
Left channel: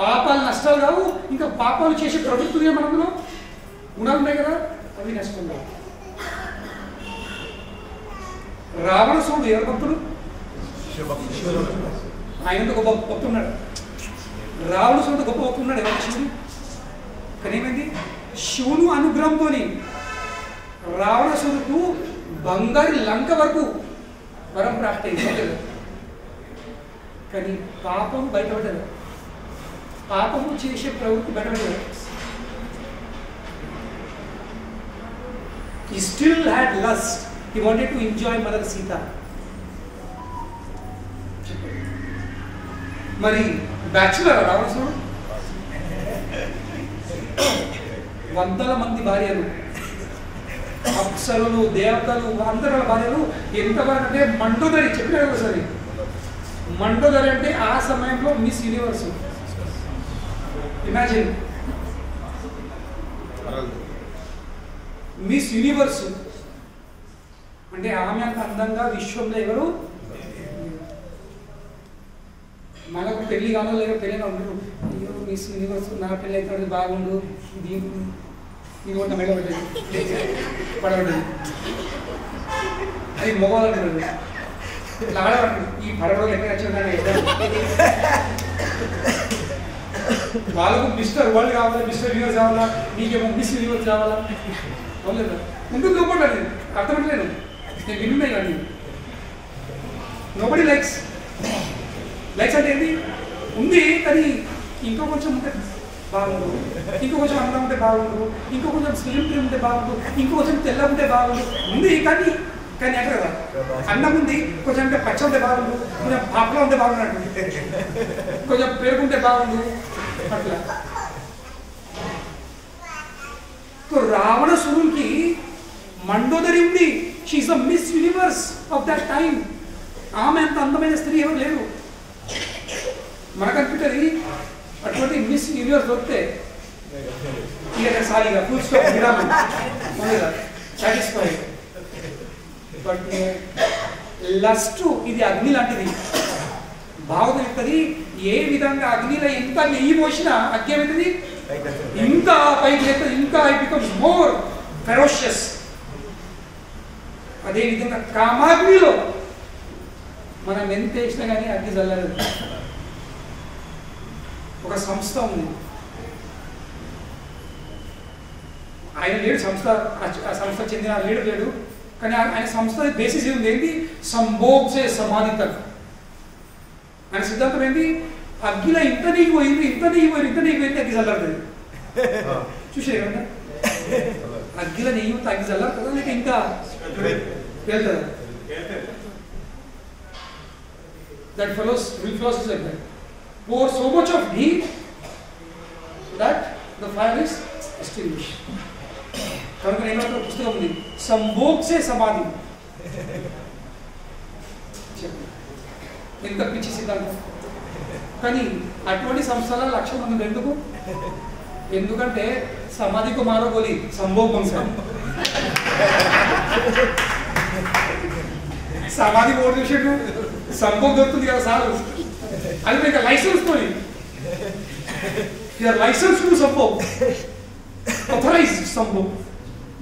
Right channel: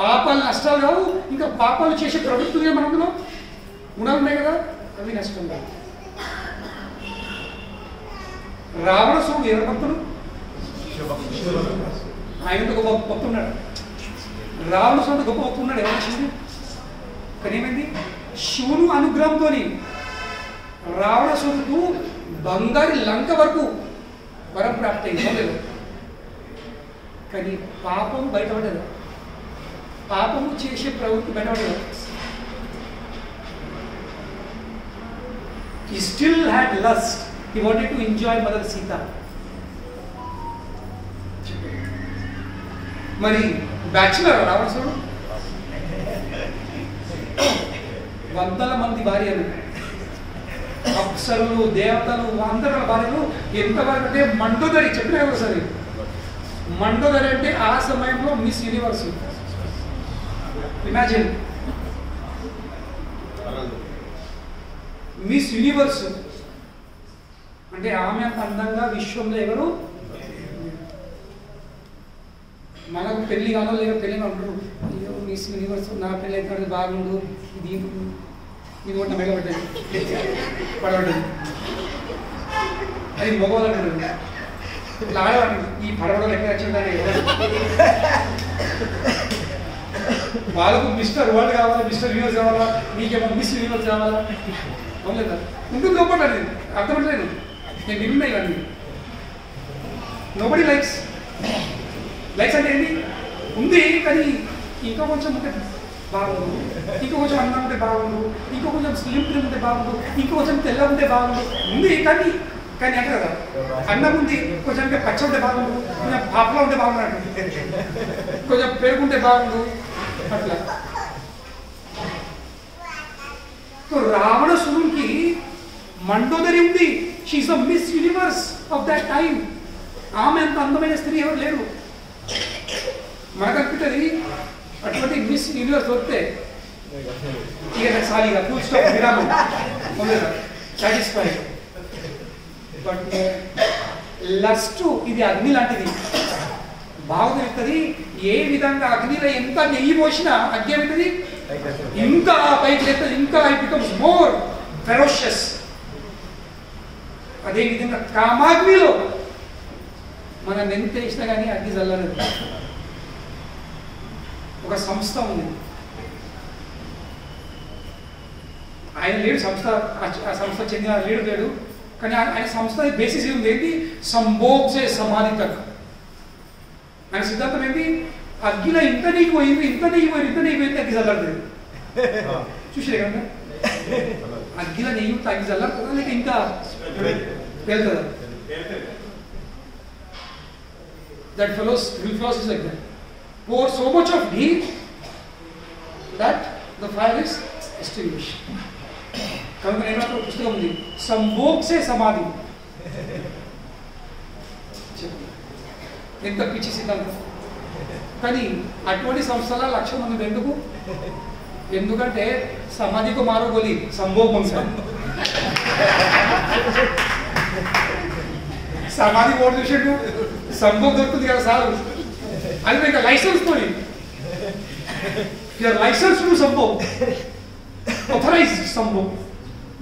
పాపాలు నష్టాలు కావు, ఇంకా పాపాలు చేసే ప్రవృత్తి మనలో గుణాలు ఉన్నాయి కదా, అవి నష్టం కావు. రావణాసురుడు ఎవరు భక్తుడు? ఆయన గొప్ప భక్తుడు ఉన్నాడు. రావణాసురుడు గొప్ప భక్తుడు ఉన్నాడు. ఎవరు వచ్చింది? కానీ ఏమైంది? శివుని అనుగ్రహంతో రావణాసురుడు బంగారు లంక వరకు వరం ప్రాప్తి అయింది. కానీ పాపం బయటపడదు, పాపము చేసే ప్రవృత్తి బయటపడదు. He still had lust. He wanted to enjoy Mother Sita. మరి బ్యాచులర్ రావణాసురుడు వందల మంది భార్యలు, అప్సరులు, దేవతలు, అందరి భార్యలు. ఎంతవరకు అంటే మండోదరి చెప్పినా ఒకసారి. మండోదరి అంటే ఆ సమయంలో miss universe. Imagine, miss universe అంటే ఆమె అంత అందంగా విశ్వంలో ఎవరు. మనకు పెళ్లి కాదు, లేక పెళ్ళిగా ఉండరు. అయ్యో మిస్ యూనివర్స్, నా పెళ్ళి అయితే బాగుండు, ఇది ఇది కూడా మెడ పడ్డది, పడబడ్డది. అది మగవాళ్ళు అంటారు. ఇట్లా ఆడవాడు ఈ పడవలో ఎక్కడ వచ్చేదాన్ని వాళ్ళకు మిస్టర్ వరల్డ్ కావాలా, మిస్టర్ యూనివర్స్ కావాలా, నీకేమో మిస్ యూనివర్స్ కావాలా? అవును ఉంటుంది. లోపల అర్థమట్లేదు. నేను విన్నాయి కానీ నోబడి లైక్స్. లైక్స్ అంటే ఏంటి? ఉంది కానీ ఇంకా కొంచెం ఉంటే బాగుండు, ఇంకో కొంచెం అందం ఉంటే బాగుండు, ఇంకో కొంచెం స్లిమ్ ట్రిమ్ ఉంటే బాగుండు, ఇంకో కొంచెం తెల్ల ఉంటే బాగుండు. ఉంది కానీ కానీ అంటే కదా, అన్నం ఉంది కొంచెం ఇంకా పచ్చ ఉంటే బాగుండు, కొంచెం పాపలో ఉంటే బాగున్నట్టు, కొంచెం పెరుగుంటే బాగుండు అట్లా. సో రావణాసురునికి మండోదరి ఉంది. She is the Miss Universe of that time. ఆమె అంత అందమైన స్త్రీ ఎవరు లేరు. మనకు అనిపిస్తుంది అటువంటి మిస్ యూనివర్స్ దొరికితే ఇక సారీగా ఫుల్ స్టాప్ విరామం ఉండేదా, సాటిస్ఫై. బట్ లస్ట్ ఇది అగ్ని లాంటిది. భాగవతం చెప్తుంది ఏ విధంగా అగ్నిలో ఎంత నెయ్యి పోసినా అగ్ని ఏమవుతుంది, ఇంకా పైకి లేస్తుంది, ఇంకా ఇట్ బికమ్స్ మోర్ ఫెరోషియస్. అదేవిధంగా కామాగ్నిలో మనం ఎంత వేసినా కానీ అగ్ని చల్లలేదు. ఒక సంస్థ ఉంది, ఆయన లేడు, సంస్థ ఆ సంస్థ చెందిన లేడు. కానీ ఆయన సంస్థ బేసిస్ ఉంది ఏంటి? సంభోగ్ సే సమాధి తక్. ఆయన సిద్ధాంతం ఏంటి? అగ్గిలో ఇంత నెయ్యి పోయింది, ఇంత నెయ్యి పోయింది, ఇంత నెయ్యి పోయింది, అగ్గి చల్లారుతుంది. చూసారు కదా, అగ్గిలో నెయ్యి అగ్గి చల్లారుతుందా లేక ఇంకా వెళ్తుందా? That will flows is like that. Pour so much of ghee that the fire is extinguished. కనుక నేను ఒక పుస్తకం ఉంది, సంభోగ్ సే సమాధి. ఎంత పిచ్చి సిద్ధాంతం. కానీ అటువంటి సంస్థల 1,00,000 మంది ఎందుకు? ఎందుకంటే సమాధికి మారో గోలి సంభోగ్ వంశ. సమాధి ఓటు చూసేట్టు సంభోగ్ దొరుకుతుంది కదా సార్, అది మీకు లైసెన్స్ తోని. యువర్ లైసెన్స్ టు సంభోగ్. authorized Sambho,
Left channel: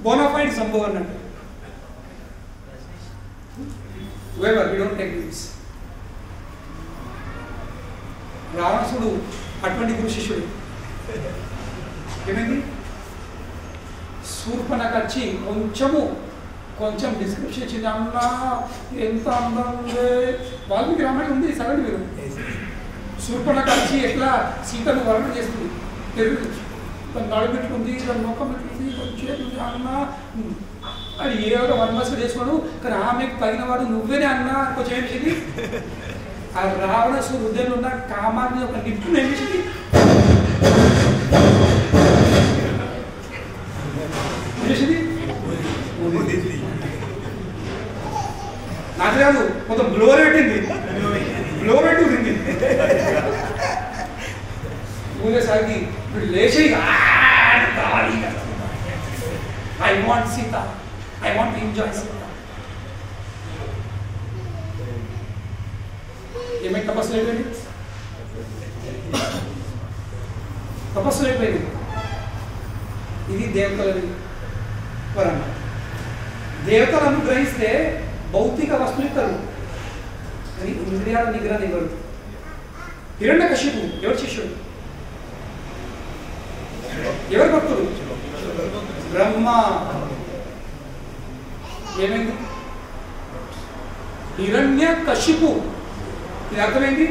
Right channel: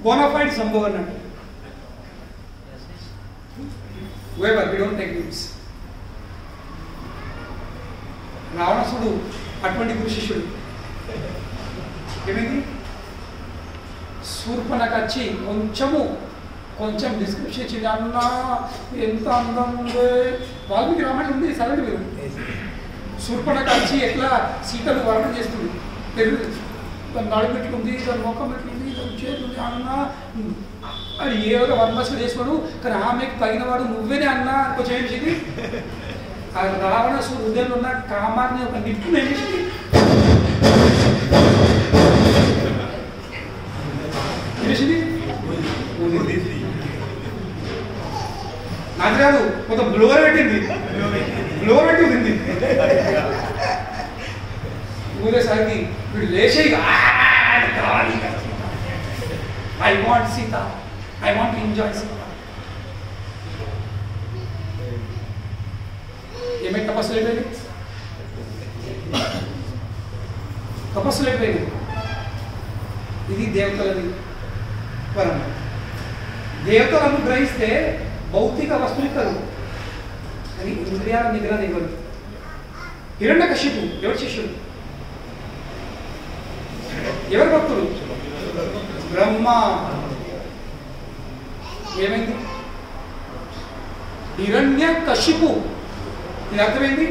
bona fide Sambho అన్నాడు. Whoever, we don't take names. రావణాసుడు అటువంటి గురు శిష్యుడు. ఏమైంది? శూర్పణఖ వచ్చి కొంచెం డిస్క్రిప్షన్ ఇచ్చింది. అన్నా ఎంత అందం ఉంది, వాల్మీకి రామాయణం ఉంది సరే మీరు. శూర్పణఖ వచ్చి ఎట్లా సీతను వర్ణన చేస్తుంది, పెరుగు దాని నడుము ఎట్లుంది, దాని ముఖం ఎట్లుంది, దాని చేతుంది, అన్న అది ఏదో వర్మస్లు చేసుకున్నాడు. కానీ ఆమెకు తగినవాడు నువ్వేనే అన్నా కొంచెం ఏం చేసింది, ఆ రావణాసుడు హృదయంలో ఉన్న కామాన్ని ఒక నిప్పును ఏం చేసింది, నాకు కాదు కొంత బ్లోర్ పెట్టింది, ఊరేసరికి వీడు లేచి I want Sita, I want enjoy Sita. ఏమైనా తపస్సులు అయిపోయింది, ఇది దేవతలని వరం. దేవతలను గ్రహిస్తే భౌతిక వస్తువులు ఇస్తారు, కానీ ఇంద్రియాల నిగ్రహణ ఇవ్వరు. హిరణ్యకశిపు ఎవరి శిష్యుడు, ఎవరి భక్తుడు? బ్రహ్మ. ఏమైంది? హిరణ్యకశిపు. ఇది అర్థమైంది.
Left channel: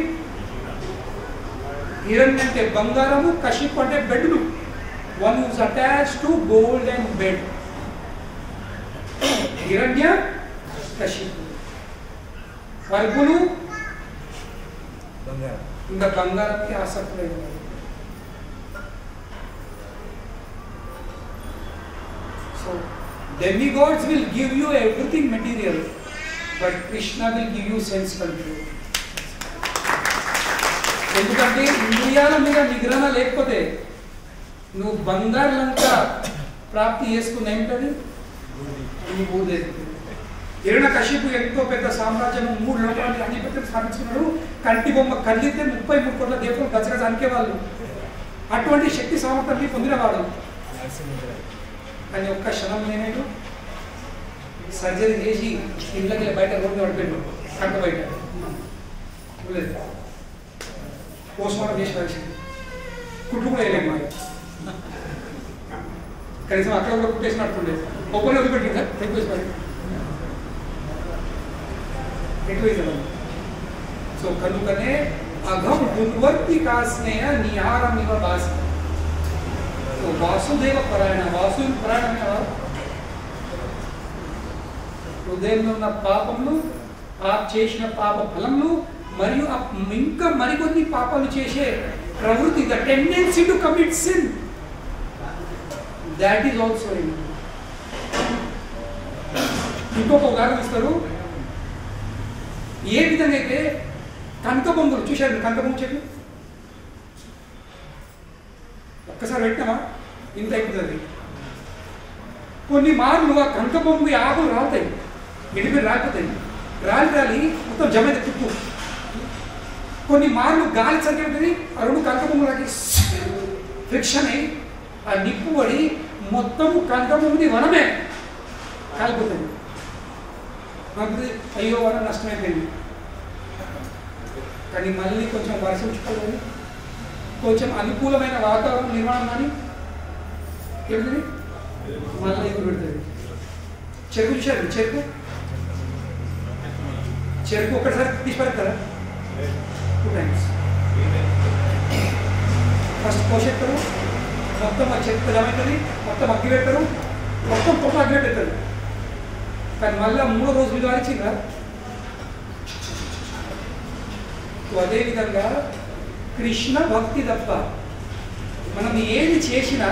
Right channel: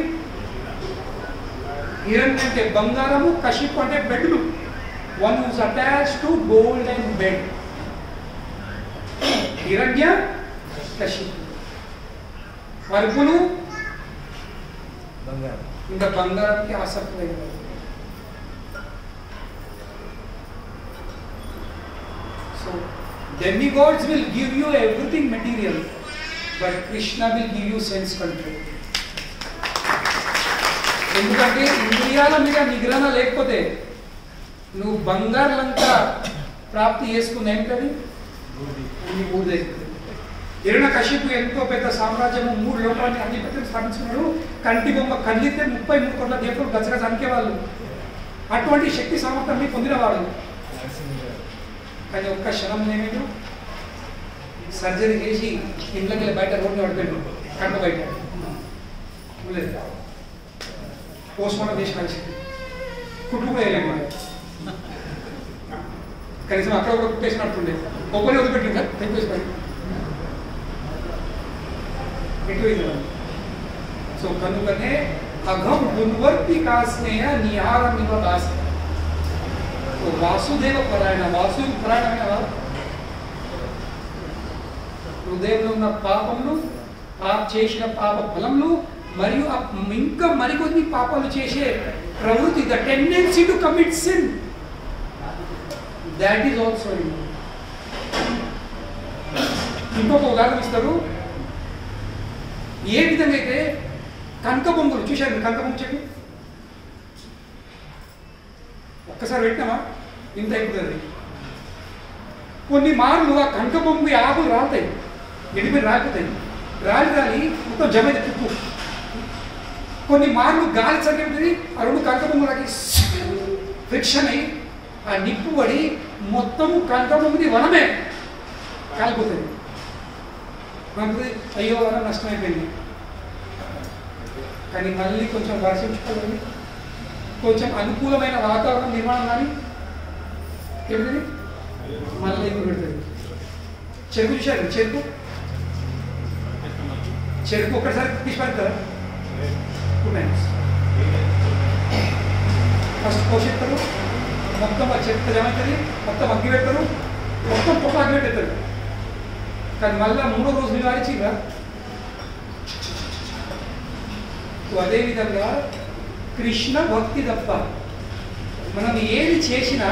హిరణ్య అంటే బంగారము, కశిపు అంటే బెడ్లు. One whose attached to gold and bed. Hiranya Kashipu. పరుపులు ఇంకా బంగారంకి ఆసక్తి లేదు. So demigods will give you everything material, but Krishna will give you sense control. ఎందుకంటే ఇంద్రియాల మీద నిగ్రహణ లేకపోతే నువ్వు బంగారంతా ప్రాప్తి చేసుకున్న ఏంటది అన్ని ఊరిదే. హిరణ్యకశిపు ఎంతో పెద్ద సామ్రాజ్యము, 3 లోకాలని ఆధిపత్యం స్థాపించుకున్నాడు. కంటి బొమ్మ కదిలితే 33 కోట్ల దేవతలు గచ్చగచ్చ అనికేవాళ్ళు. అటువంటి శక్తి సామర్థ్యాన్ని పొందినవాడు. కానీ ఒక్క క్షణం ఏమైనా సర్జరీ చేసి ఇంట్లోకి బయట రోడ్డు పడిపోయాడు, కంట బయట పోస్ట్ మార్టం చేసి మంచిది, కుట్టు కూడా వేయలేదు. కనీసం అక్కడ కూడా కుట్టేసి నడుతుండే, ఒక్కరి వదిలిపెట్టిందా తెప్పేసి పడి ఎటువైందా. సో కనుకనే అఘం దుర్వర్తి కాస్నేయ నిహారమివ దాసి. వాసుదేవ పరాయణ, వాసుదేవ పరాయణమైన వారు హృదయంలో ఉన్న పాపములు, చేసిన పాప ఫలములు మరియు ఇంకా మరికొన్ని పాపాలు చేసే ప్రవృత్తి, the tendency to commit sin, that is also. ఇంకొక ఉదాహరణ ఇస్తారు. ఏ విధంగా అయితే కనక బొంగులు చూశారు, కనక బొంగు చెట్టు ఒక్కసారి పెట్టినామా ఇంత అయిపోతుంది. కొన్ని మార్లు ఆ కనక బొంగు ఆకులు రాలుతాయి, ఎడిపి రాకపోతాయి, రాలి మొత్తం జమ అయితే తుప్పు. కొన్ని మార్లు గాలి సరిపోతుంది, ఆ 2 కనక బొంగులకి ఫ్రిక్షన్ అయి ఆ నిప్పు పడి మొత్తము కనక బొంగుది వనమే కాలిపోతుంది. అయ్యో వరం నష్టమైపోయింది. కానీ మళ్ళీ కొంచెం వర్షం చుట్టుకొని కొంచెం అనుకూలమైన వాతావరణం నిర్మాణం కానీ ఏమిటి మళ్ళీ ఎగురు పెడుతుంది. చెరుకు చూశారు, చెరుకు ఒక్కసారి తీసి పడతారా? 2 times. ఫస్ట్ పోషెత్తారు, మొత్తం ఆ చెట్టు జమ అవుతుంది, మొత్తం అగ్గి పెడతారు, మొత్తం పొట్ట అగ్గి పెట్టేస్తారు. కానీ మళ్ళీ 3వ రోజు మీరు ఆడిచిందా? అదేవిధంగా కృష్ణ భక్తి తప్ప మనం ఏది చేసినా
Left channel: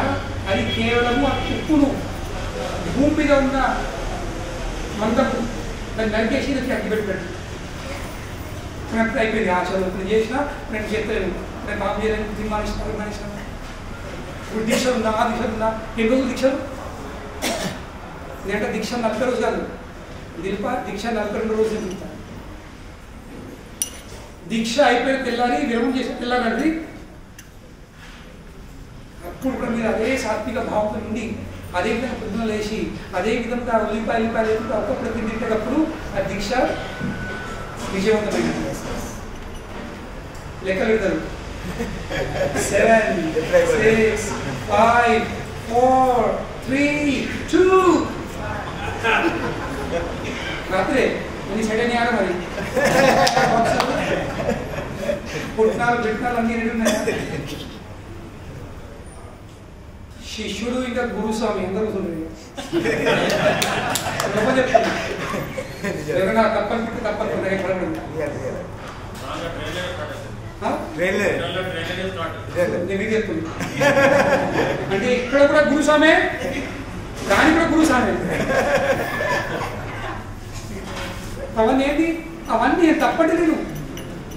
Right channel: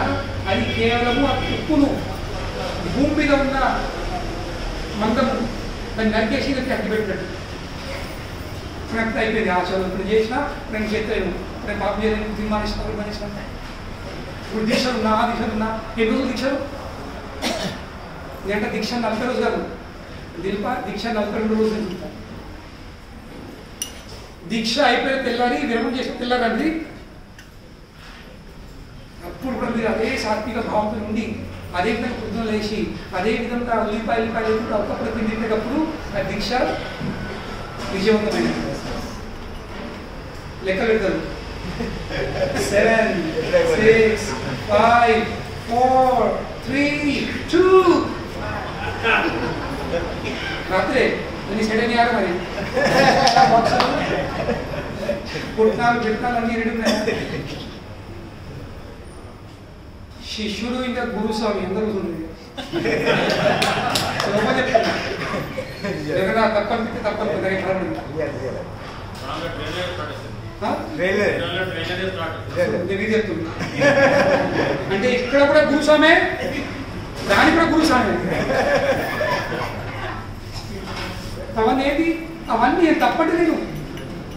అది కేవలము ఆ ఉప్పును, భూమి మీద ఉన్న మందము దాన్ని నరికేసి అగ్గి పెట్టినట్టు. కనెక్ట్ అయిపోయింది. ఆ చదువు ఇప్పుడు చేసినా నేను చేస్తాను, నేను పాపం చేయలేను, తీర్మానిస్తాను. ఇప్పుడు దీక్షలు ఉన్నా, ఆ దీక్షలు ఉన్నా, ఎన్ని రోజులు దీక్షలు? నేనంటే దీక్ష 40 రోజు కాదు, దిల్పా దీక్ష 42 రోజులు తిరుగుతాను. దీక్ష అయిపోయిన తెల్లారి విరమణ చేసి తెల్లారండి, అప్పుడు కూడా మీరు మీరు అదే సాత్విక భావంతో ఉండి అదే విధంగా పొద్దున లేచి అదే విధంగా ఉల్లిపాయలు లేకుండా ఒక్కప్పుడు తింటేటప్పుడు ఆ దీక్ష విజయవంతమైనది. లెక్క పెడతారు 7, 6, 5, 4, 3, 2 రాత్రే నేను సెట్ అయినా మరి పుట్నాలు అన్ని రెడీ ఉన్నాయా? శిష్యుడు ఇంకా గురుస్వామి అందరూ చెప్తున్నా ఏదైనా తప్పనిపిస్తే తప్పని చెప్తున్నా. అంటే ఇక్కడ కూడా గురుస్వామే, దాని కూడా గురుస్వామే. అవన్నీ తప్పటి లేదు,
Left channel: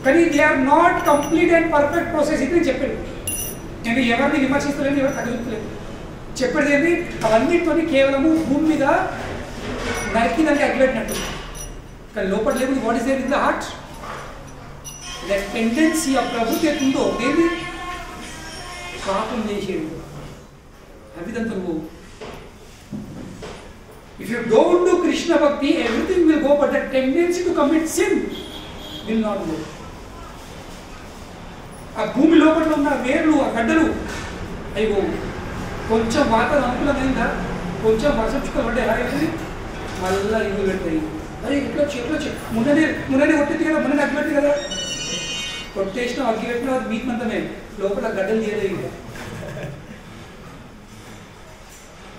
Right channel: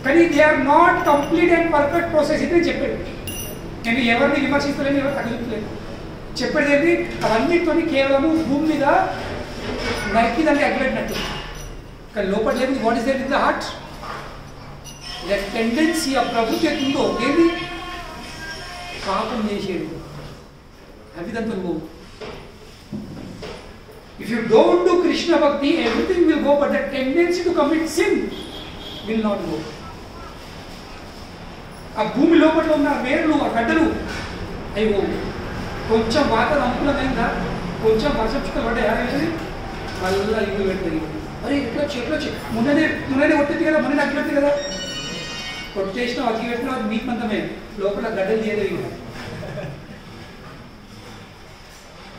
కానీ they are not complete and perfect process. ఇది నేను చెప్పాడు. నేను ఎవరిని విమర్శిస్తలేను, ఎవరు తగ్గజుట్టలేదు. చెప్పేది ఏంటి, అవన్నిటితో కేవలము భూమి మీద నరికి దానికి అగ్గిపెట్టినట్టు, కానీ లోపల లేదు. What is there in the heart? That tendency ఆ ప్రవృత్తి ఉందో ఏది పాపం చేసేది అవిదంతా నువ్వు. If you don't do Krishna Bhakti, everything will go, but the tendency to commit sin will not go. ఆ భూమి లోపల ఉన్న వేర్లు, ఆ గడ్డలు అయ్యో కొంచెం వాతావరణం అనుకూలమైందా, కొంచెం వర్షం చుక్కలు పడ్డాయి, మళ్ళీ ఇవి పెడతాయి. అరే ఎట్లొచ్చి మున్ననే కొట్టేది కదా, మున్ననే అగ్గి పెడుతుంది కదా, కొట్టేసినా అగ్గి పెట్టినా అది మీకు మందమే, లోపల గడ్డలు తీయలేవు.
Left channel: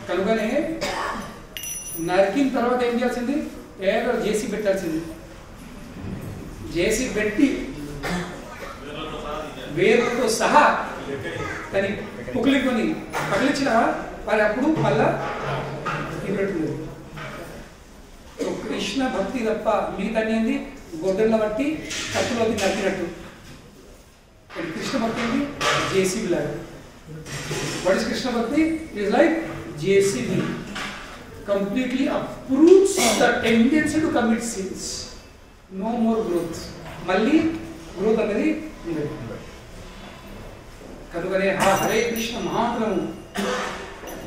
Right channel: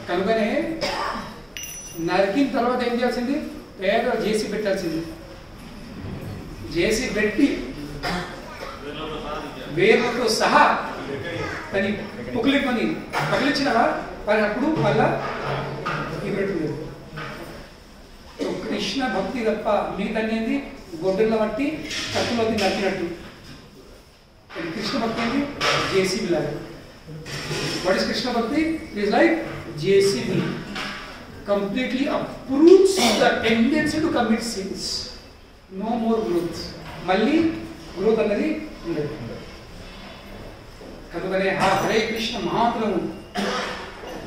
కనుకనే నరికిన తర్వాత ఏం చేయాల్సింది, పేద జేసీ పెట్టాల్సింది. జేసీ పెట్టి వేర్లతో సహా కానీ పుకిలికొని పగిలించిన మరి అప్పుడు మళ్ళా ఇది పెడుతుంది. కృష్ణ భక్తి తప్ప మిగతా ఏంది గొడ్డల బట్టి కత్తులో నరికినట్టు. కృష్ణ భక్తి ఏంటి, జేసీబీ లాగా. వాట్ ఇస్ కృష్ణ భక్తి? It is like JCB. Completely uproots the tendency to commit sins. No more growth. మళ్ళీ గ్రోత్ అనేది ఉండదు. కనుకనే హరే కృష్ణ మహాత్మము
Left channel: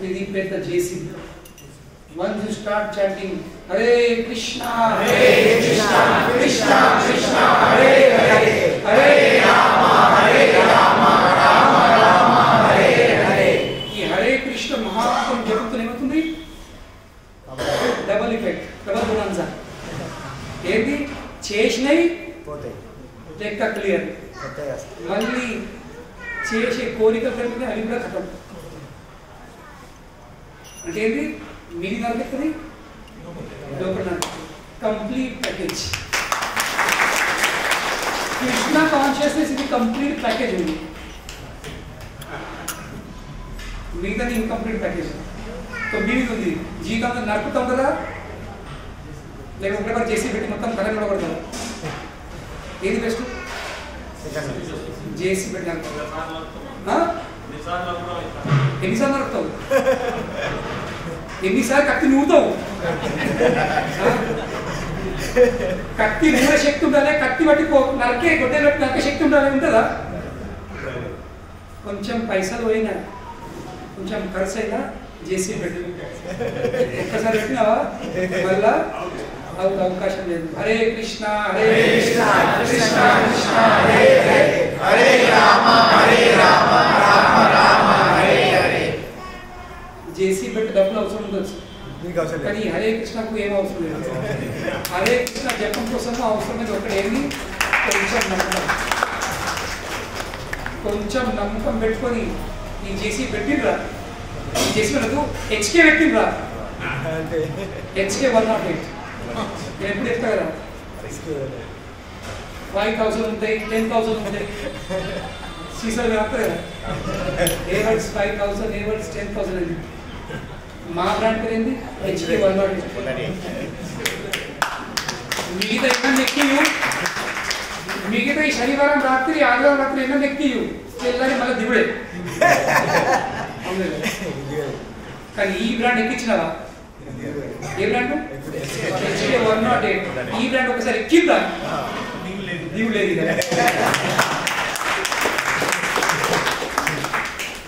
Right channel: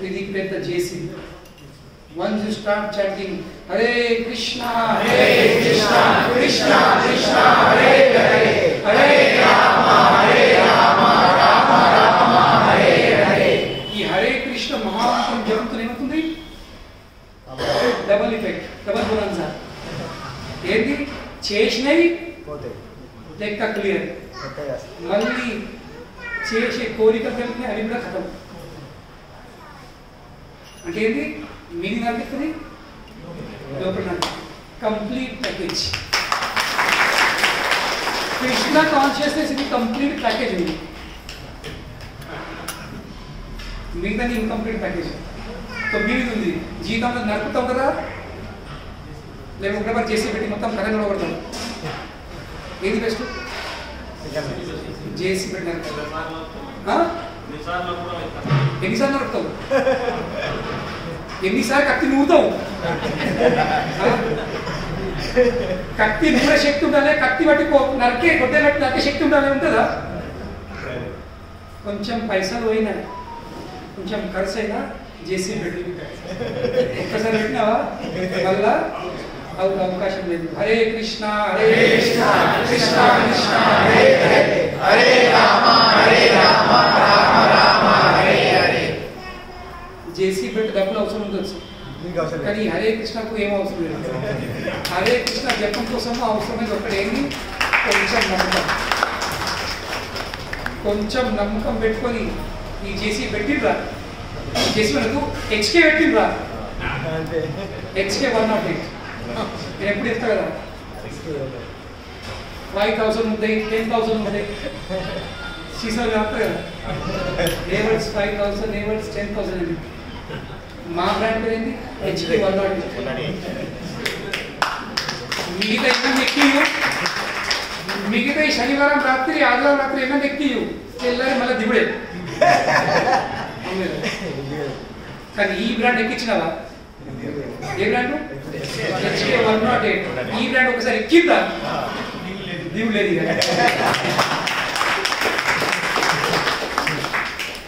ఇది పెద్ద చేసి. Once you start chanting Hare Krishna Krishna Krishna Hare Hare, Hare Rama Rama Rama Hare Hare, ఈ హరే కృష్ణ మహాత్మం జరుగుతూ ఏమవుతుంది? Double effect, double bonanza. ఏంటి చేసినవి లెక్క క్లియర్, మళ్ళీ చేసే కోరికలు పెరిగితే అవి కూడా ఖతం. అంటే ఏంటి, మీది నరికెత్తది, లోపల నరికెత్తది, కంప్లీట్ ప్యాకేజ్. కృష్ణ కాన్షియస్నెస్ ఇది కంప్లీట్ ప్యాకేజ్ ఉంది, మిగతాది ఇన్కంప్లీట్ ప్యాకేజ్. మీది ఉంది, జీవితంలో నరుకుతూ ఉంటారా, లేకపోతే చేసి పెట్టి మొత్తం కరెంట్ నిలబడతారు. ఏది బెస్ట్? చేసి పెట్టినారు. ఎన్నిసార్లు నరుకుతావు? ఎన్నిసార్లు కత్తి నూరుతావు? కత్తి నూరే శక్తి ఉండాలి, కత్తి బట్టి నరికే గొడ్డలు బట్టి నరికే శక్తి ఉండాలి, ఉంటుందా? కొంచెం పైసలు పోయినా, కొంచెం ఖర్చు అయినా చేసి పెట్టి ఒక్కసారి పెట్టినావా మళ్ళా అవకాశం లేదు. హరే కృష్ణ కృష్ణ కృష్ణ హరే హరే, హరే రామ రామ రామ హరే హరే. చేసి పెట్టి డబ్బులు అవసరం ఉండొచ్చు, కానీ హరే కృష్ణకు ఏం అవసరం లేదు. హరే కృష్ణ జపం కోసము అవసరమైంది ఒకటి ఏంటి, కొంచెం నమ్మకం. కొంచెం నమ్మకం పెట్టుకొని ఈ చేసి పెట్టిండ్రా, చేసి మనకు హెచ్కే పెట్టిండ్రా, హెచ్కే 108 నేను ఎప్పుడు చెప్తా కదా, 5000 ఉంటాయి, 10,000 ఉంటాయి, సీసాలు చెప్తా కదా, ఏవర్డ్స్ 5000, ఏవర్డ్స్ 10,000 అండి. మా బ్రాండ్ పేరు ఏంటి, హెచ్కే 108. మిగతా ఎన్నో ఎక్కియు, మిగతా ఈ శనివారం రాత్రి ఆదివారం రాత్రి ఎన్నో ఎక్కియు, తెల్లారి మళ్ళీ దిగుడే. కానీ ఈ బ్రాండ్ ఎక్కించినవా? ఏ బ్రాండ్? హెచ్కే 108. ఈ బ్రాండ్ ఒకసారి ఎక్కిందా, దిగులేదు. ఇక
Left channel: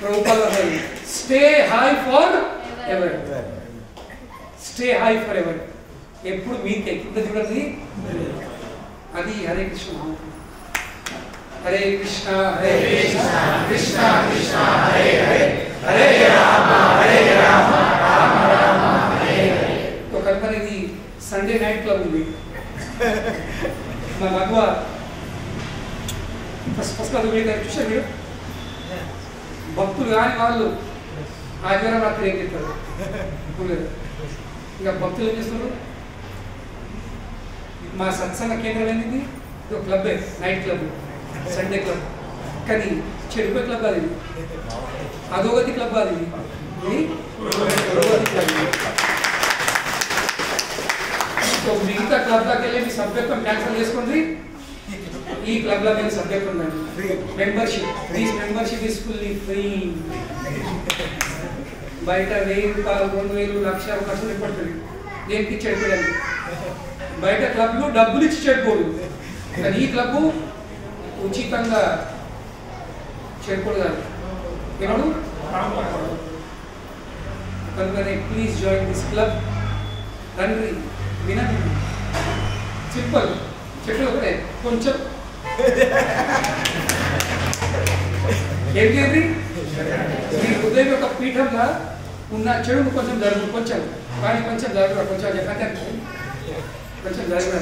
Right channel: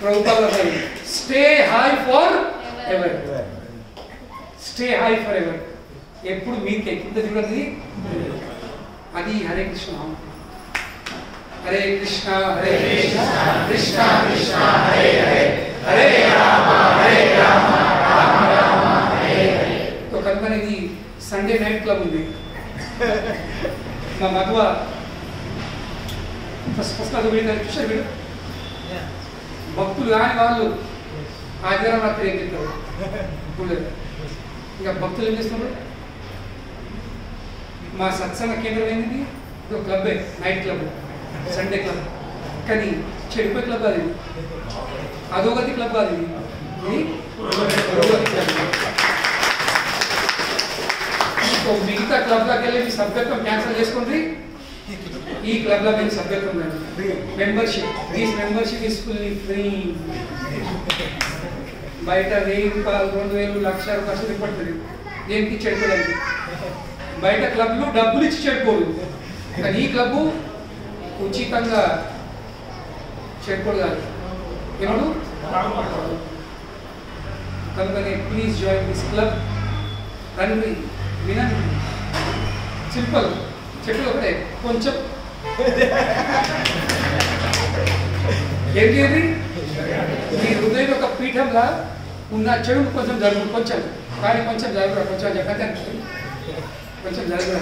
Prabhupada stay high for ever, stay high for ever, ఎప్పుడు మీకే కింద చూడండి. అది హరే కృష్ణ మహామంత్రం. హరే కృష్ణ హరే కృష్ణ కృష్ణ కృష్ణ హరే హరే హరే రామ రామ రామ హరే హరే. तो కనుక ఇది సండే నైట్ క్లబ్ ఉంది. మా మగవ ఫస్ట్ క్లాస్ చూసారు వీడు. భక్తులు కాని వాళ్ళు ఆదివారం రాత్రి ఏం చెప్తారు, ఇక భక్తులు ఏం చేస్తారు. మా సత్సంగ కేంద్రం ఏంది, ఇది ఒక club, night club, Sunday club. కానీ చెడిపోయే క్లబ్ అది, అధోగతి క్లబ్ అది, ఇది పురోగతి క్లబ్. మిగతా క్లబ్లోకి వెళ్ళి మీ సభ్యత్వం క్యాన్సిల్ చేసుకోండి. ఈ క్లబ్లో మీరు సభ్యత్వం ఉందండి, membership. This membership is fully free. బయట 1000 రూపాయలు 2000 లక్షలు పడుతుంది దేనికి చెడిపోయాలి. బయట క్లబ్లు డబ్బులు ఇచ్చి చెడిపోదు, కానీ ఈ క్లబ్ ఉచితంగా చెడిపోదు కాదు. ఏమడు కనుకనే ప్లీజ్ జాయిన్ దిస్ క్లబ్. రండి, వినండి, సింపుల్, చెప్పి ఒకటే కొంచెం ఏం చేయండి. మీ హృదయం యొక్క పీఠంలా ఉన్న చెడును కొంచెం జరుగు, కొంచెం కానీ కొంచెం జరుగురా, కొంచెం చెప్పండి, కొంచెం జరుగురా.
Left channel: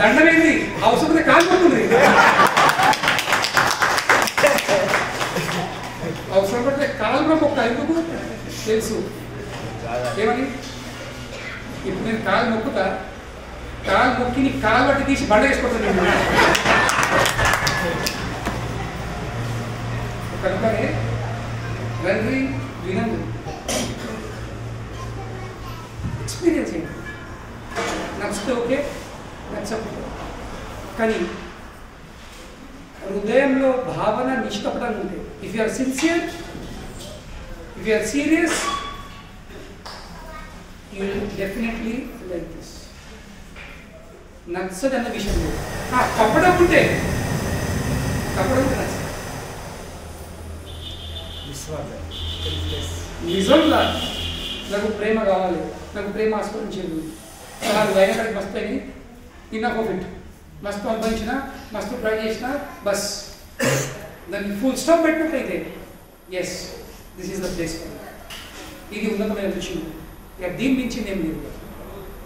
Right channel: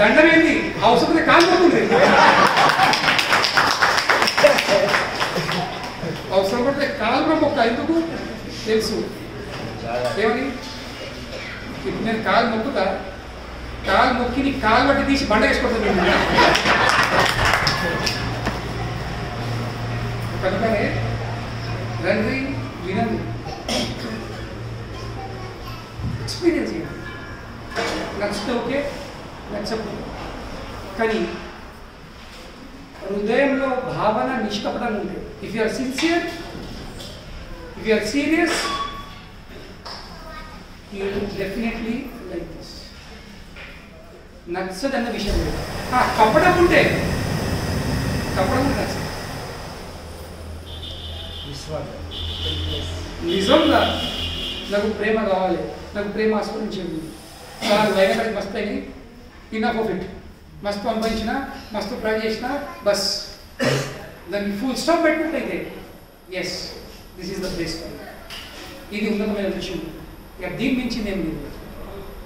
దండం ఏంది, అవసరం కాలిపోతుంది. అవసరం పడితే కాలు మొక్క ఎందుకు తెలుసు ఏమని. ఇప్పుడు నేను కాలు మొక్కుతా, కాలు మొక్కి నీ కాలు బట్టి తీసి బండ వేసుకుంటాను నేను. కనుకనే రండి, వినండి, ఎక్స్పీరియన్స్ చేయండి. నచ్చితే ఓకే, నచ్చకపోతే. కానీ హృదయంలో భావన నిష్కపటంగా ఉంటే, if you are sincere, if you are serious, you will definitely like this. నచ్చదన్న విషయం లేదు. కప్పడం ఉంటే నచ్చదు. నిజంగా నాకు ప్రేమ కావాలి, నాకు ప్రేమ ఆస్వాదించింది, నాకు వైనకాడికి మస్తు అయింది, ఇన్నఫ్ ఆఫ్ ఇట్, మస్తు అనుభవించిన, మస్తు ట్రై చేసిన, బస్ దాన్ని ఫుల్ స్టాప్ పెట్టినట్లయితే yes this is the place. ఇది ఉన్నతమైన విషయం. ఇక దీని మించింది ఏం లేదు.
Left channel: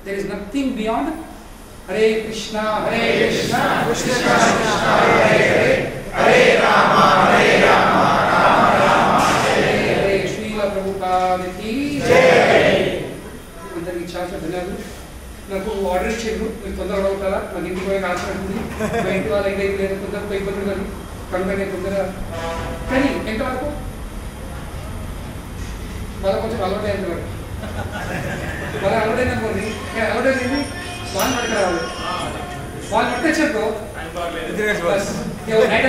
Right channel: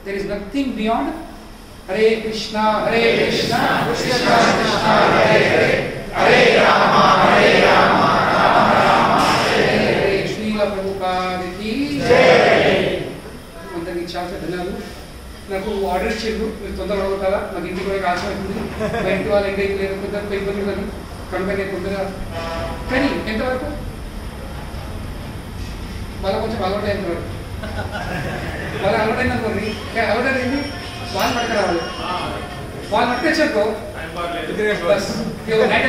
There is nothing beyond. Hare Krishna Hare Krishna Krishna Krishna Hare Hare Hare Rama Rama Rama Hare Hare. Srila ప్రభుపాదకి జై. అందరికీ చాలా ధన్యవాదాలు. నాకు ఆర్డర్ ఇచ్చిండు, మీరు తొందరగా అవుతారా, మాకు ఇంటికి పోయి ఆశ అవుతుంది, మా ఇంటి వాళ్ళు ఏంటైతే లేదు, కొందరు ఇబ్బందులు కానీ కనుక నేను తొందరగా. కానీ ఎంతవరకు వాళ్ళ కొంచెం అలవాటు ఎంతవరకు వాళ్ళ అలవాటైంది అనుకోండి, అలవాటైంది వాళ్ళు పట్టుకు రావాలి. వాళ్ళు పట్టుకొచ్చారు బస్ నైట్